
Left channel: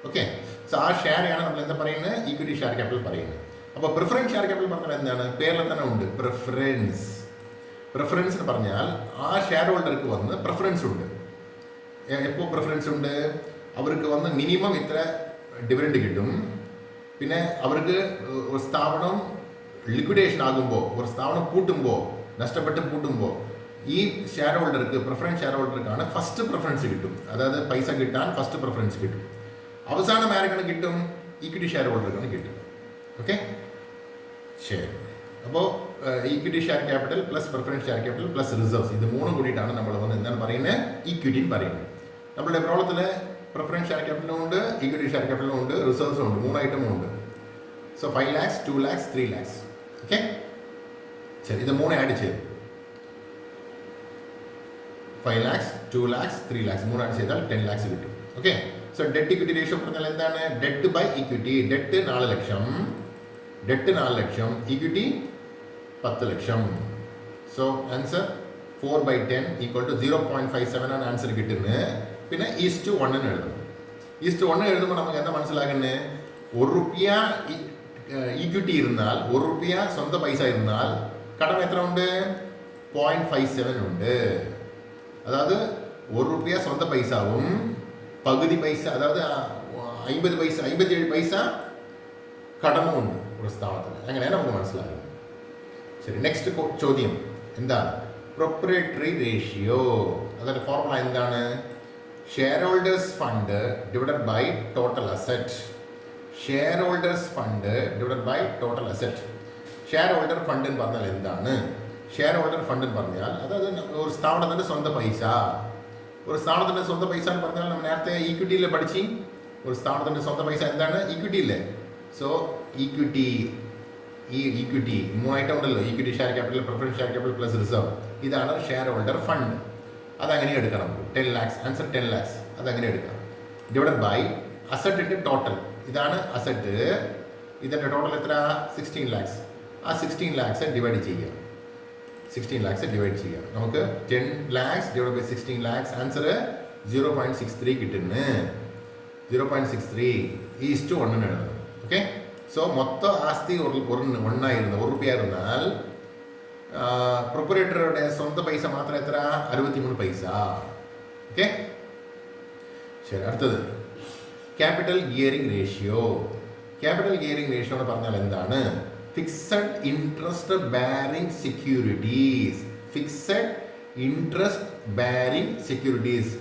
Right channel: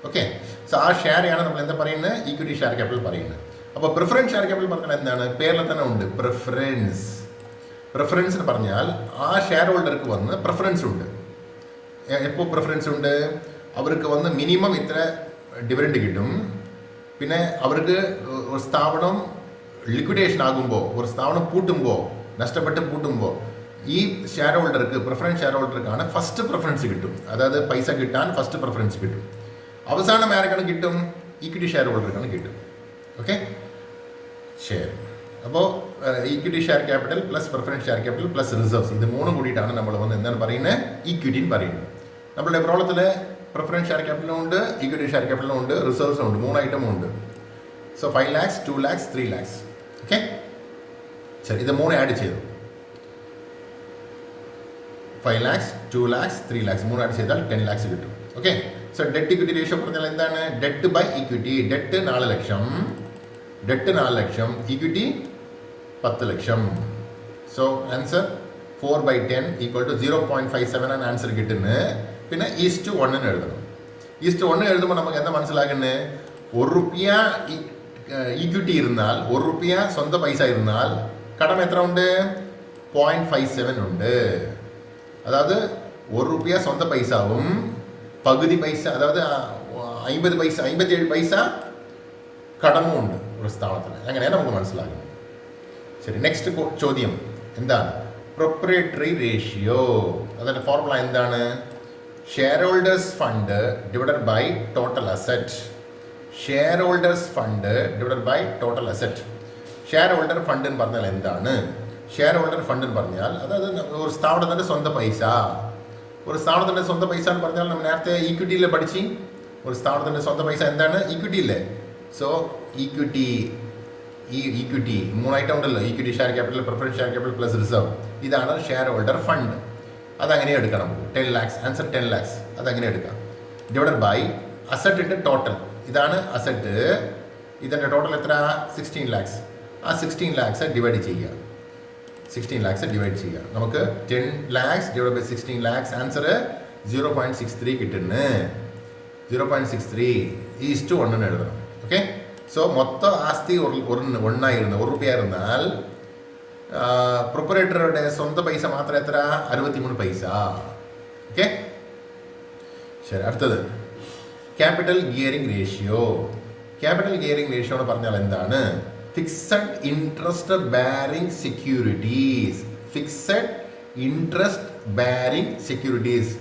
ഓക്കെ, സോ ആ ഷെയറാണ് നമ്മൾ എന്താ പറയുന്നത്? ഈക്വിറ്റി ഷെയർ ക്യാപിറ്റൽ പറയുന്നത്. അപ്പോൾ പ്രിഫറൻസ് ഷെയർ ക്യാപിറ്റൽ പറഞ്ഞാൽ എന്താണ്? പേരിൽ തന്നെ ഉണ്ട്, പ്രിഫറൻസ് എന്ന് പറഞ്ഞാൽ ആ ഷെയർ ഹോൾഡർക്ക് വന്ന് പ്രിഫറൻസ് ഉണ്ട്. എപ്പോൾ പ്രിഫറൻസ് ഉണ്ട്? അവർക്ക് വന്ന് മിനിമം ഇത്ര ഡിവിഡൻഡ് കിട്ടും. പിന്നെ അവർക്ക് ഒരു സ്ഥാപനം ലിക്വിഡേഷൻ ആകുമ്പോൾ, ഒരു സ്ഥാപനം നഷ്ടപ്പെട്ട് പൂട്ടുമ്പോൾ ഈ ഷെയർ ഹോൾഡർക്ക്, പ്രിഫറൻസ് ഷെയർ ഹോൾഡർക്കാണ് ഫസ്റ്റ് പ്രിഫറൻസ് കിട്ടും. അതായത് പൈസ കിട്ടാൻ ഫസ്റ്റ് പ്രിഫറൻസ് കിട്ടും. അവസാനം ആർക്കാണ് കിട്ടും? ഈക്വിറ്റി ഷെയർ ഹോൾഡർക്കാണ് കിട്ടും. ഓക്കെ, ശരി. അപ്പോൾ equity share capital plus preference share capital plus reserves, ഇത് 3 കൂടിയിട്ടാണ് നമ്മൾ വന്ന് എന്താണ് പറയുന്നത്? ഈക്വിറ്റി എന്ന് പറയുന്നത്. നമ്മളുടെ പ്രോബ്ലത്തിൽ പ്രിഫറൻസ് ഷെയർ ക്യാപിറ്റലും ഉണ്ട്, ഈക്വിറ്റി ഷെയർ ക്യാപിറ്റലും ഉണ്ട്, റിസർവ്സും ഉണ്ട്, 3 ഐറ്റമും ഉണ്ട്. So 5 lakhs, 2 lakhs, 3 lakhs. Okay, ശരി, ഇത് 3 ആഡ് ചെയ്തു. 5 lakhs, 2 lakhs, 3 lakhs 3 ആഡ് ചെയ്താൽ 10 lakhs കിട്ടും. Okay, so debt equity ratio പറഞ്ഞാൽ എന്താണ്? Debt by equity. ഡെറ്റ് 4 ലക്ഷം, ഇക്വിറ്റി 10 ലക്ഷം. സോ ആൻസർ 4/10 ഈക്വൽ ടു 0.57 ആണ് ആൻസർ കിട്ടുന്നത്. പിന്നെ ഈസ്റ്റ് 1 എഴുതണം. ഈസ്റ്റ് 1 എഴുതുമ്പോൾ നമുക്ക് എന്താ മനസ്സിലാക്കുന്നത്? ₹1 ഈക്വിറ്റി ഇരുന്നാൽ, ₹1 സ്വന്തം പൈസ ഇരുന്നാൽ കടം എത്ര ഉണ്ട്? 0.57 ഉണ്ട്. അതായത് ₹1 സ്വന്തം പൈസവും പകുതി പൈസ, അതായത് 50 പൈസ, 57 പൈസ കടമും ഉണ്ട് ഒരു സ്ഥാപനത്തിന്. അങ്ങനെയാണ് നമുക്ക് മനസ്സിലാക്കുന്നത്. ശരി, നെക്സ്റ്റ് ചോദ്യം എന്താണ്? Proprietary ratio. അതിൻ്റെ ഫോർമുല എന്താണ്? Share holders fund divided by total asset. Share holders fund divided by total asset. Share holder fund എന്ന് പറഞ്ഞാൽ എന്താണ്? ഷെയർ ഹോൾഡർ ഫണ്ട് എന്ന് പറഞ്ഞാൽ അതായത് ഒരു സ്ഥാപനത്തിൻ്റെ സ്വന്തം പൈസ. ഒരു സ്ഥാപനത്തിൻ്റെ സ്വന്തം പൈസ എന്ന് പറഞ്ഞാൽ നമ്മൾ നേരത്തെ ഈക്വിറ്റിയിൽ പഠിച്ച്, ഒരു സ്ഥാപനത്തിൻ്റെ സ്വന്തം പൈസ എന്താണ്? ഈക്വിറ്റിയില്ലേ? സോ ഈക്വിറ്റി, ഈ ഈക്വിറ്റി 3 ഐറ്റം ഉണ്ടല്ലോ, equity share capital, preference share capital plus reserve. ഇതാണ് ഷെയർ ഹോൾഡർ ഫണ്ട്. അതങ്ങനെ എടുക്കാം നമുക്ക്. 10 lakhs, ആൻസർ 10 lakhs. അതങ്ങനെ എടുക്കാം. ഡിവൈഡഡ് ബൈ അസറ്റിൻ്റെ ടോട്ടൽ. ഇതാണ് അസറ്റ്. ഇതിൻ്റെ ടോട്ടൽ എത്ര? 16 lakhs. ആ 16 lakhs ഡിവൈഡ് ചെയ്യുക. 16 lakhs ഡിവൈഡ് ചെയ്യുക. നമുക്ക് 10 lakhs divide by 16 lakhs answer 0.63 കിട്ടുന്നു. 0.63 ഈസ്റ്റ് 1 എഴുതണം. ഓക്കെ, സോ മൊത്തം ആസ്തി ഒന്നായിരുന്നു, ₹1 ഇരുന്നാൽ പ്രൊപ്പറേറ്ററുടെ സ്വന്തം പൈസ മാത്രം എത്ര? 63 പൈസ. ഓക്കെ, ശരി, അടുത്തത് capital gearing ratio. Capital gearing ratio എന്ന് പറഞ്ഞാൽ എന്താണ്? Fixed interest bearing securities. Fixed interest bearing securities.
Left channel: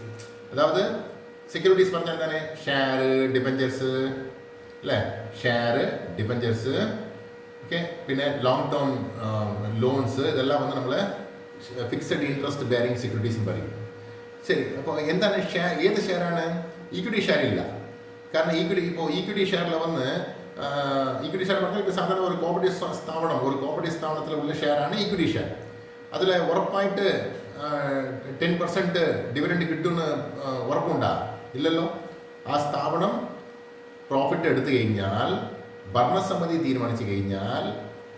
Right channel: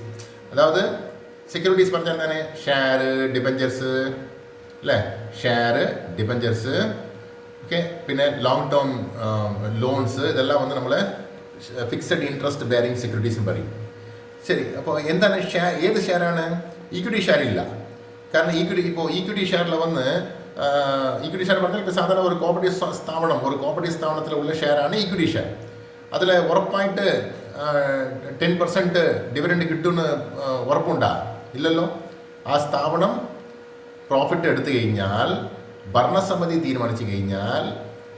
അതായത് സെക്യൂരിറ്റീസ് പറഞ്ഞാൽ എന്താണ്? ഷെയർ, ഡിബഞ്ചേഴ്സ് അല്ലേ? ഷെയർ, ഡിബഞ്ചേഴ്സ്, ഓക്കെ, പിന്നെ ലോങ് ടേം ലോൺസ്, ഇതെല്ലാം വന്ന് നമ്മൾ ഫിക്സഡ് ഇൻട്രസ്റ്റ് ബാരിംഗ് സെക്യൂരിറ്റീസ് പറയും. ശരി, അപ്പോൾ എന്താണ് ഷെയർ? ഏത് ഷെയറാണ്? ഈക്വിറ്റി ഷെയർ ഇല്ല. കാരണം ഈക്വിറ്റി ഷെയറിൽ വന്ന് ഈക്വിറ്റി ഷെയർ പറഞ്ഞാൽ ഇപ്പോൾ സാധാരണ ഒരു കോപ്പറേറ്റീവ് സ്ഥാപനത്തിലുള്ള ഷെയറാണ് ഈക്വിറ്റി ഷെയർ. അതിൽ ഉറപ്പായിട്ട് 10% ഡിവിഡൻഡ് കിട്ടുമെന്ന് ഉറപ്പുണ്ടാ? ഇല്ലല്ലോ. ആ സ്ഥാപനം പ്രോഫിറ്റ് എടുത്തു കഴിഞ്ഞാൽ, ഭരണസമിതി തീരുമാനിച്ചു കഴിഞ്ഞാൽ,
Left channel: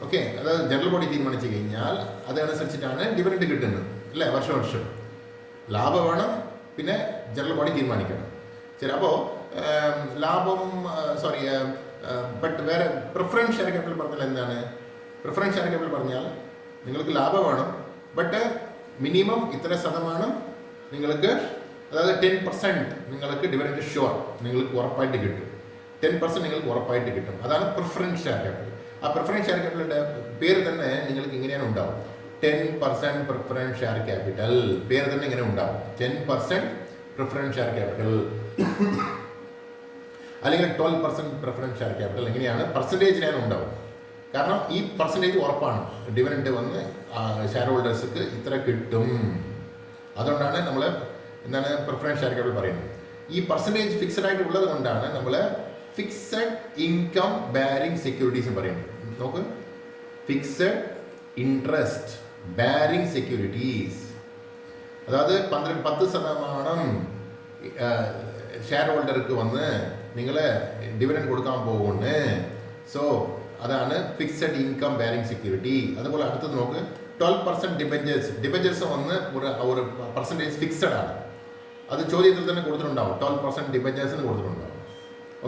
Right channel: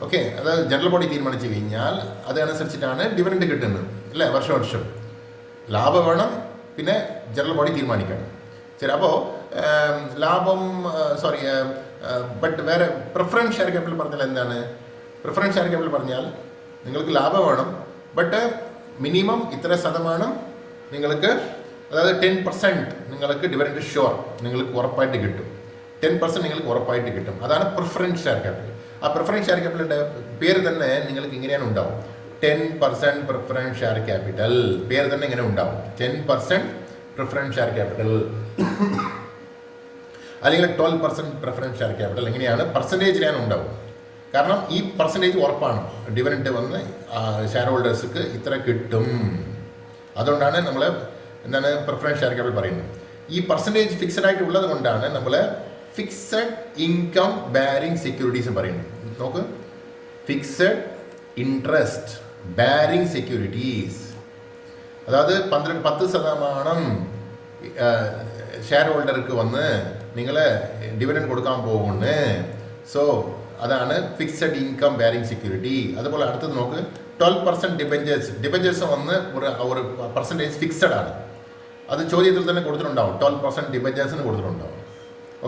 ഓക്കെ, അതായത് ജനറൽ ബോഡി തീരുമാനിച്ചു കഴിഞ്ഞാൽ അതനുസരിച്ചിട്ടാണ് ഡിവിഡൻഡ് കിട്ടുന്നത് അല്ലേ? വർഷം ലാഭം വേണം, പിന്നെ ജനറൽ ബോഡി തീരുമാനിക്കണം. ശരി, അപ്പോൾ ബട്ട് വേറെ പ്രിഫറൻസ് ഷെയർ ക്യാപിറ്റൽ പറഞ്ഞാൽ എന്താണ്? പ്രിഫറൻസ് ഷെയർ ക്യാപിറ്റൽ പറഞ്ഞാൽ നിങ്ങൾക്ക് ലാഭം വേണം, ബട്ട് മിനിമം ഇത്ര ശതമാനം നിങ്ങൾക്ക്, അതായത് 10% നിങ്ങൾക്ക് ഡിവിഡൻഡ് ഷുവർ നിങ്ങൾക്ക് ഉറപ്പായിട്ട് കിട്ടും. 10% നിങ്ങൾക്ക് ഉറപ്പായിട്ട് കിട്ടും. അതാണ് പ്രിഫറൻസ് ഷെയർ ക്യാപിറ്റൽ. ആ പ്രിഫറൻസ് ഷെയർ ക്യാപിറ്റലിൻ്റെ പേര് തന്നെ നിങ്ങൾക്ക് ഇങ്ങനെയാണ് ഉണ്ടാവും. 10% പ്രിഫറൻസ് ഷെയർ ക്യാപിറ്റൽ. പേര് തന്നെ ഇങ്ങനെ ഉണ്ടാവും, 10% പ്രിഫറൻസ് ഷെയർ ക്യാപിറ്റൽ, അല്ലെങ്കിൽ 12% പ്രിഫറൻസ് ഷെയർ ക്യാപിറ്റൽ. എങ്ങനെയാണ്? പെർസെൻറ്റേജിലാണ് ഉണ്ടാവും. കാരണം ഈ പെർസെൻറ്റേജ് ഉറപ്പാണ്. ഡിവിഡൻഡ് വന്ന് ഷെയർ ഹോൾഡേഴ്സിന് ഇത്ര കിട്ടും. അതുകൊണ്ടാണ് നമ്മൾ എന്താണ് പ്രിഫറൻസ് ഷെയർ ക്യാപിറ്റൽ പറയുന്നത്. ഈ പെർസെൻറ്റേജ് ഫിക്സഡ് ആയിട്ട് ഉള്ളത് കൊണ്ടാണ് നമ്മൾ ഫിക്സഡ് ഇൻകം ബാരിംഗ് സെക്യൂരിറ്റീസ് പറയുന്നത്. നോക്ക്, ഫിക്സഡ് ഇൻട്രസ്റ്റ് ബാരിംഗ് സെക്യൂരിറ്റീസ്. അതായത് 10% ഷെയർ ഹോൾഡർക്ക് വന്ന് നിങ്ങൾ ഡിവിഡൻഡ് കൊടുക്കാൻ പോകുന്നു. സോ അതാണ് ഫിക്സഡ് ഇൻകം ബാരിംഗ് സെക്യൂരിറ്റി. അതുപോലെ അടുത്തത് നോക്ക്, 12% ഡിബഞ്ചേഴ്സ് വന്ന് ഒരു പെർസെൻറ്റേജ് ഫിക്സഡ് ആണ്. അത് ചോദ്യത്തിൽ തന്നെ കൊടുത്തിട്ടുണ്ടാവും, 12% ഡിബഞ്ചേഴ്സിന് കൊടുത്തിട്ടുണ്ടാവും.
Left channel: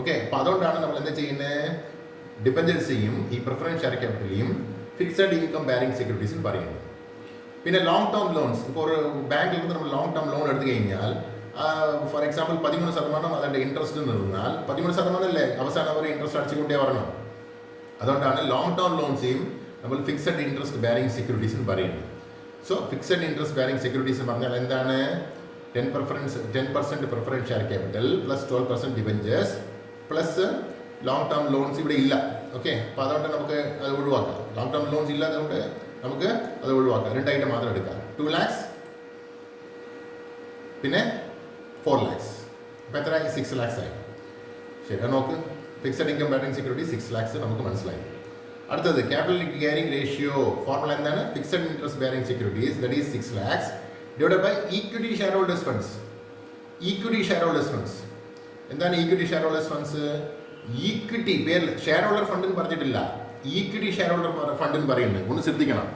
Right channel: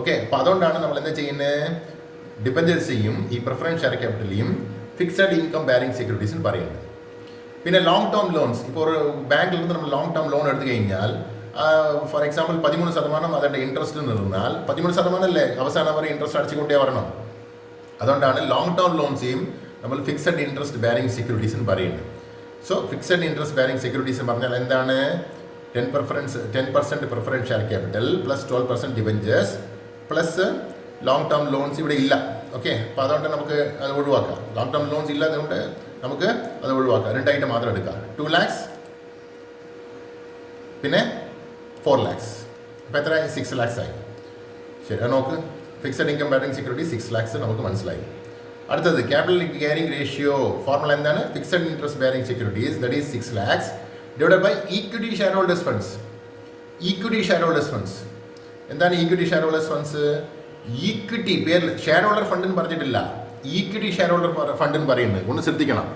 ഓക്കെ, അപ്പോൾ അതുകൊണ്ടാണ് നമ്മൾ എന്താ ചെയ്യുന്നത്? ഡിബഞ്ചേഴ്സെയും ഈ പ്രിഫറൻസ് ഷെയർ ക്യാപിറ്റലെയും ഫിക്സഡ് ഇൻകം ബാരിംഗ് സെക്യൂരിറ്റീസ് എന്ന് പറയുന്നത്. പിന്നെ ലോങ് ടേം ലോൺസ്. ഇപ്പോൾ ഒരു ബാങ്കിൽ നിന്ന് നമ്മൾ ലോങ് ടേം ലോൺ എടുത്തു കഴിഞ്ഞാൽ, ഫോർ എക്സാമ്പിൾ 13% അതിൻ്റെ ഇൻട്രസ്റ്റ് നിന്നാൽ 13% അല്ലേ അവസാനം വരെ ഇൻട്രസ്റ്റ് അടിച്ചുകൊണ്ടേ വരണം. അതുകൊണ്ടാണ് ലോങ് ടേം ലോൺസെയും നമ്മൾ ഫിക്സഡ് ഇൻട്രസ്റ്റ് ബാരിംഗ് സെക്യൂരിറ്റീസ് എന്ന് പറയുന്നത്. So fixed interest bearing securities എന്ന് പറഞ്ഞാൽ എന്താണ്? 10% preference share capital plus 12% debentures plus long term loans ഇവിടെ ഇല്ല. ഓക്കെ, അപ്പോൾ അതുകൊണ്ട് നമുക്ക് അത് ഒഴിവാക്കാം. ലോങ് ടേം ലോൺസ് ഇല്ലാത്തതുകൊണ്ട് നമുക്ക് അത് ഒഴിവാക്കാം. 2 ഐറ്റം മാത്രം എടുക്കാം, 2 lakhs പിന്നെ 4 lakhs. അപ്പോൾ എത്ര 6 lakhs ആയി. ശരി, അത് നോക്ക്. Fixed income bearing security 6 lakhs നമുക്ക് മനസ്സിലായി. അടുത്തത് ക്യാപിറ്റൽ ഗിയറിംഗ് റേഷ്യോ ഫോർമുല എന്താണ്? Fixed interest bearing securities that is 6 lakhs divided by equity share holders funds. Equity share holders funds എന്താണ്? Equity share holders funds equity പേരിൽ share holder ഫണ്ടെന്ന് പറഞ്ഞിട്ടില്ല, equity share holder ഫണ്ടെന്ന് പറയുന്നത് ഒന്ന് ശ്രദ്ധിക്കണം.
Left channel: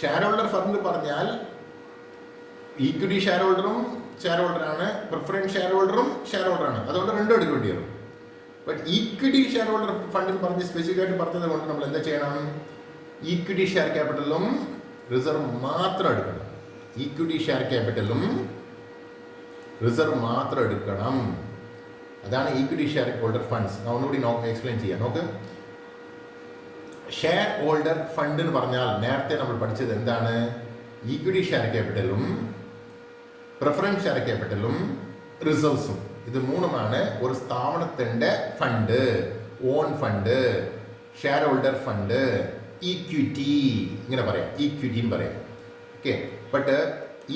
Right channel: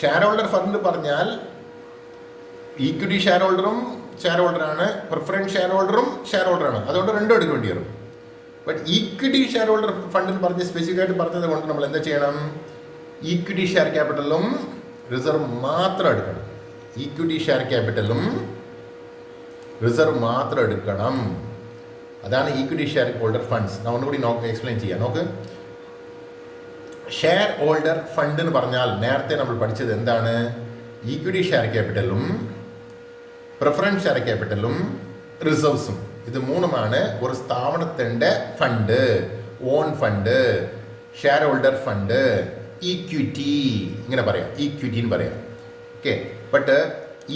Share holder fund പറഞ്ഞാൽ ഈക്വിറ്റി ഷെയർ ഹോൾഡറും ഷെയർ ഹോൾഡറാണ്, പ്രിഫറൻസ് ഷെയർ ഹോൾഡറും ഷെയർ ഹോൾഡറാണ്. അതുകൊണ്ട് രണ്ടും എടുക്കേണ്ടി വരും. ബട്ട് ഈക്വിറ്റി ഷെയർ ഹോൾഡർ ഫണ്ടിൽ പറഞ്ഞ് സ്പെസിഫിക് ആയിട്ട് പറഞ്ഞത് കൊണ്ട് നമ്മൾ എന്താ ചെയ്യണം? ഈക്വിറ്റി ഷെയർ ക്യാപിറ്റലും റിസർവ് മാത്രം എടുക്കണം. ഈക്വിറ്റി ഷെയർ ക്യാപിറ്റലും റിസർവ് മാത്രം എടുക്കണം. അതാണ് ഈക്വിറ്റി ഷെയർ ഹോൾഡർ ഫണ്ട്സ്. ഞാൻ ഒന്നുകൂടി എക്സ്പ്ലെയിൻ ചെയ്യാം. നോക്ക്, ഷെയർ ഹോൾഡർ ഫണ്ട് എന്ന് പറഞ്ഞാൽ നേരത്തെ നമ്മൾ പഠിച്ചത് എന്താണ്? ഈക്വിറ്റി ഷെയർ ക്യാപിറ്റലും പ്രിഫറൻസ് ഷെയർ ക്യാപിറ്റലും റിസർവ്സും. ഇത് മൂന്നുമാണ് ഒരു സ്ഥാപനത്തിൻ്റെ fund. Own fund, share holder fund, equity ഇങ്ങനെ പറയാം, ഈക്വിറ്റി എന്ന് പറയാം. Okay, but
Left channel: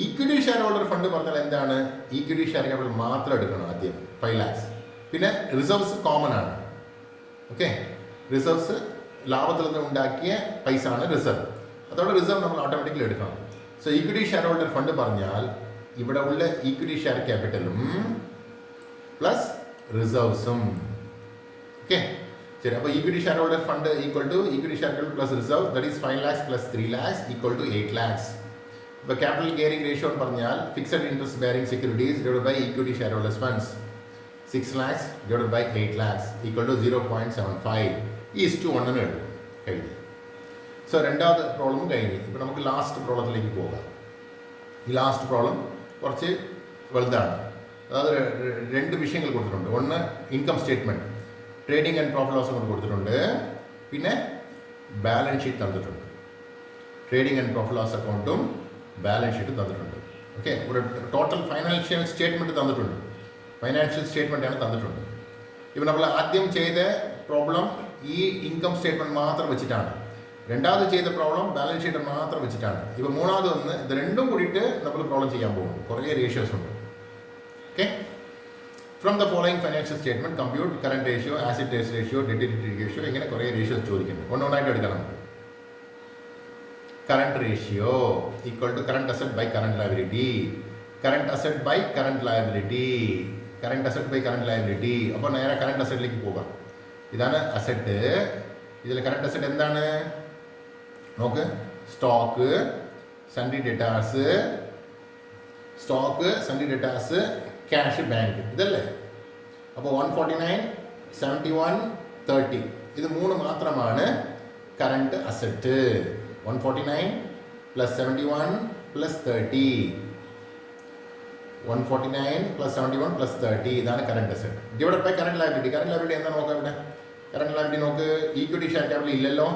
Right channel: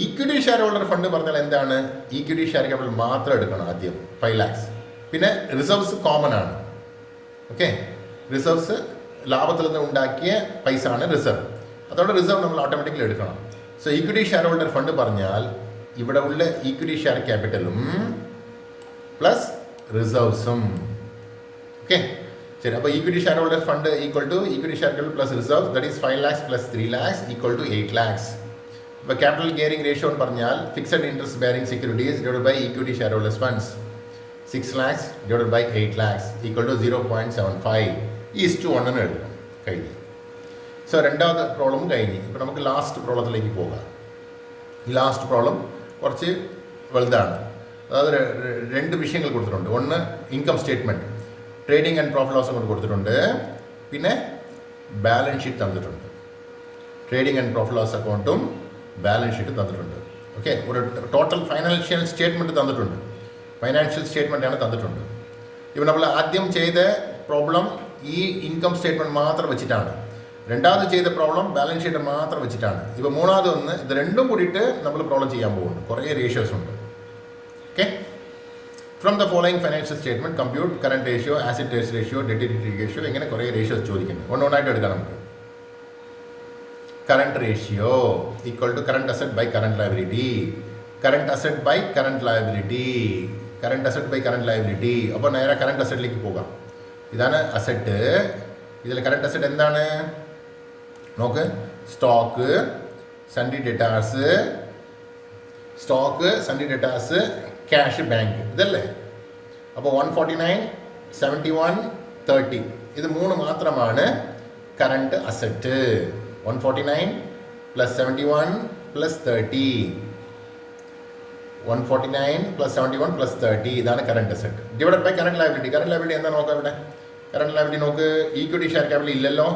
equity share holder fund പറഞ്ഞാൽ എന്താണ്? ഈക്വിറ്റി ഷെയർ ക്യാപിറ്റൽ മാത്രം എടുക്കണം ആദ്യം 5 lakhs. പിന്നെ റിസർവ്സ് കോമൺ ആണ്. ഓക്കെ, റിസർവ്സ് ലാഭത്തിൽ നിന്ന് ഉണ്ടാക്കിയ പൈസ ആണ് റിസർവ്. അതുകൊണ്ട് റിസർവ് നമ്മൾ ഓട്ടോമാറ്റിക്കലി എടുക്കണം. So equity share holder fund പറഞ്ഞാൽ ഇവിടെ ഉള്ള ഈക്വിറ്റി ഷെയർ ക്യാപിറ്റലും പ്ലസ് റിസർവ്സും. ഓക്കെ, ശരി. അപ്പോൾ equity share holder fund equal to equity share capital plus reserve that is 5 lakhs plus 3 lakhs equal to 8 lakhs. ഇപ്പോൾ ക്യാപിറ്റൽ ഗിയറിംഗ് റേഷ്യോ എന്ന് പറഞ്ഞാൽ fixed interest bearing securities divided by equity share holders funds 6 lakhs divided by 8 lakhs equal to 0.75:1 എടുക്കണം. കഴിഞ്ഞു. So രണ്ടാമത്തെ problem കഴിഞ്ഞ്. ഇപ്പോൾ നമുക്ക് last പ്രോബ്ലത്തിലേക്ക് പോകാം. ഈ ലാസ്റ്റ് പ്രോബ്ലം കുറച്ച് വലുതാണ്. അതായത് രണ്ട് വിഷയങ്ങൾ കൊടുത്തിട്ടുണ്ട്. ഒന്ന് income statement, trading and profit loss കൊണ്ട് കൊടുത്തിട്ടുണ്ട്. പിന്നെ ബാലൻസ് ഷീറ്റ് തന്നിട്ടുണ്ട്. ട്രേഡിംഗ് ആൻഡ് പ്രോഫിറ്റ് ലോസ് അക്കൗണ്ടും ബാലൻസ് ഷീറ്റും തന്നിട്ടുണ്ട്. ഓക്കെ, ഒരു ടോട്ടൽ ഫൈനാൻഷ്യൽ സ്റ്റേറ്റ്മെൻറ്റ് തന്നിട്ടുണ്ട്. ഫൈനാൻഷ്യൽ സ്റ്റേറ്റ്മെൻറ്റാണ് തന്നിട്ടുണ്ട്. ഇപ്പം നമ്മൾ ആദ്യം ചെയ്ത പ്രോബ്ലം ഈ ഇൻകം സ്റ്റേറ്റ്മെൻറ്റ് മാത്രം വെച്ചിട്ടാണ്. രണ്ടാമത് ചെയ്ത പ്രോബ്ലം ബാലൻസ് ഷീറ്റ് മാത്രം വെച്ചിട്ടാണ്. ഇപ്പോൾ മൂന്നാമത് ഒന്ന് ഇത് രണ്ടും കൂടിയിട്ട് നമ്മൾ പ്രോബ്ലം ചെയ്യാൻ പോകുന്നു. കുറേ റേഷ്യോസ് ഉണ്ട്. Okay, from the following financial statement compute current ratio, acid test ratio, debt equity ratio, ഇങ്ങനെ കുറേ റേഷ്യോസ് ചോദിക്കുന്നു. ഒന്നൊന്നായിട്ട് എടുക്കാം നമുക്ക്. Current ratio equal to current asset by current liability, current asset by current liability, current asset by current liability. അപ്പോൾ നേരെ current അസറ്റിലേക്ക് പോകാം. ഇതാണ് അസറ്റ്. ഇതിൽ കറണ്ട് അസറ്റ് എന്താണ്? നോക്ക്, stock, sundry debtors, cash, bank, ഇതല്ലേ? അപ്പോൾ 149, 71, 30 ഇത് മൂന്ന് മാത്രമാണ് current asset. 149 plus 71 plus 30, 149 plus 71 plus 30 ഇതാണ് current asset divide by current liability. Current liability എന്താ നോക്കാം ഇവിടെ? കറണ്ട് ലയബിലിറ്റി നോക്ക്, ഈക്വിറ്റി ഷെയർ ക്യാപിറ്റൽ ഇല്ലല്ലോ,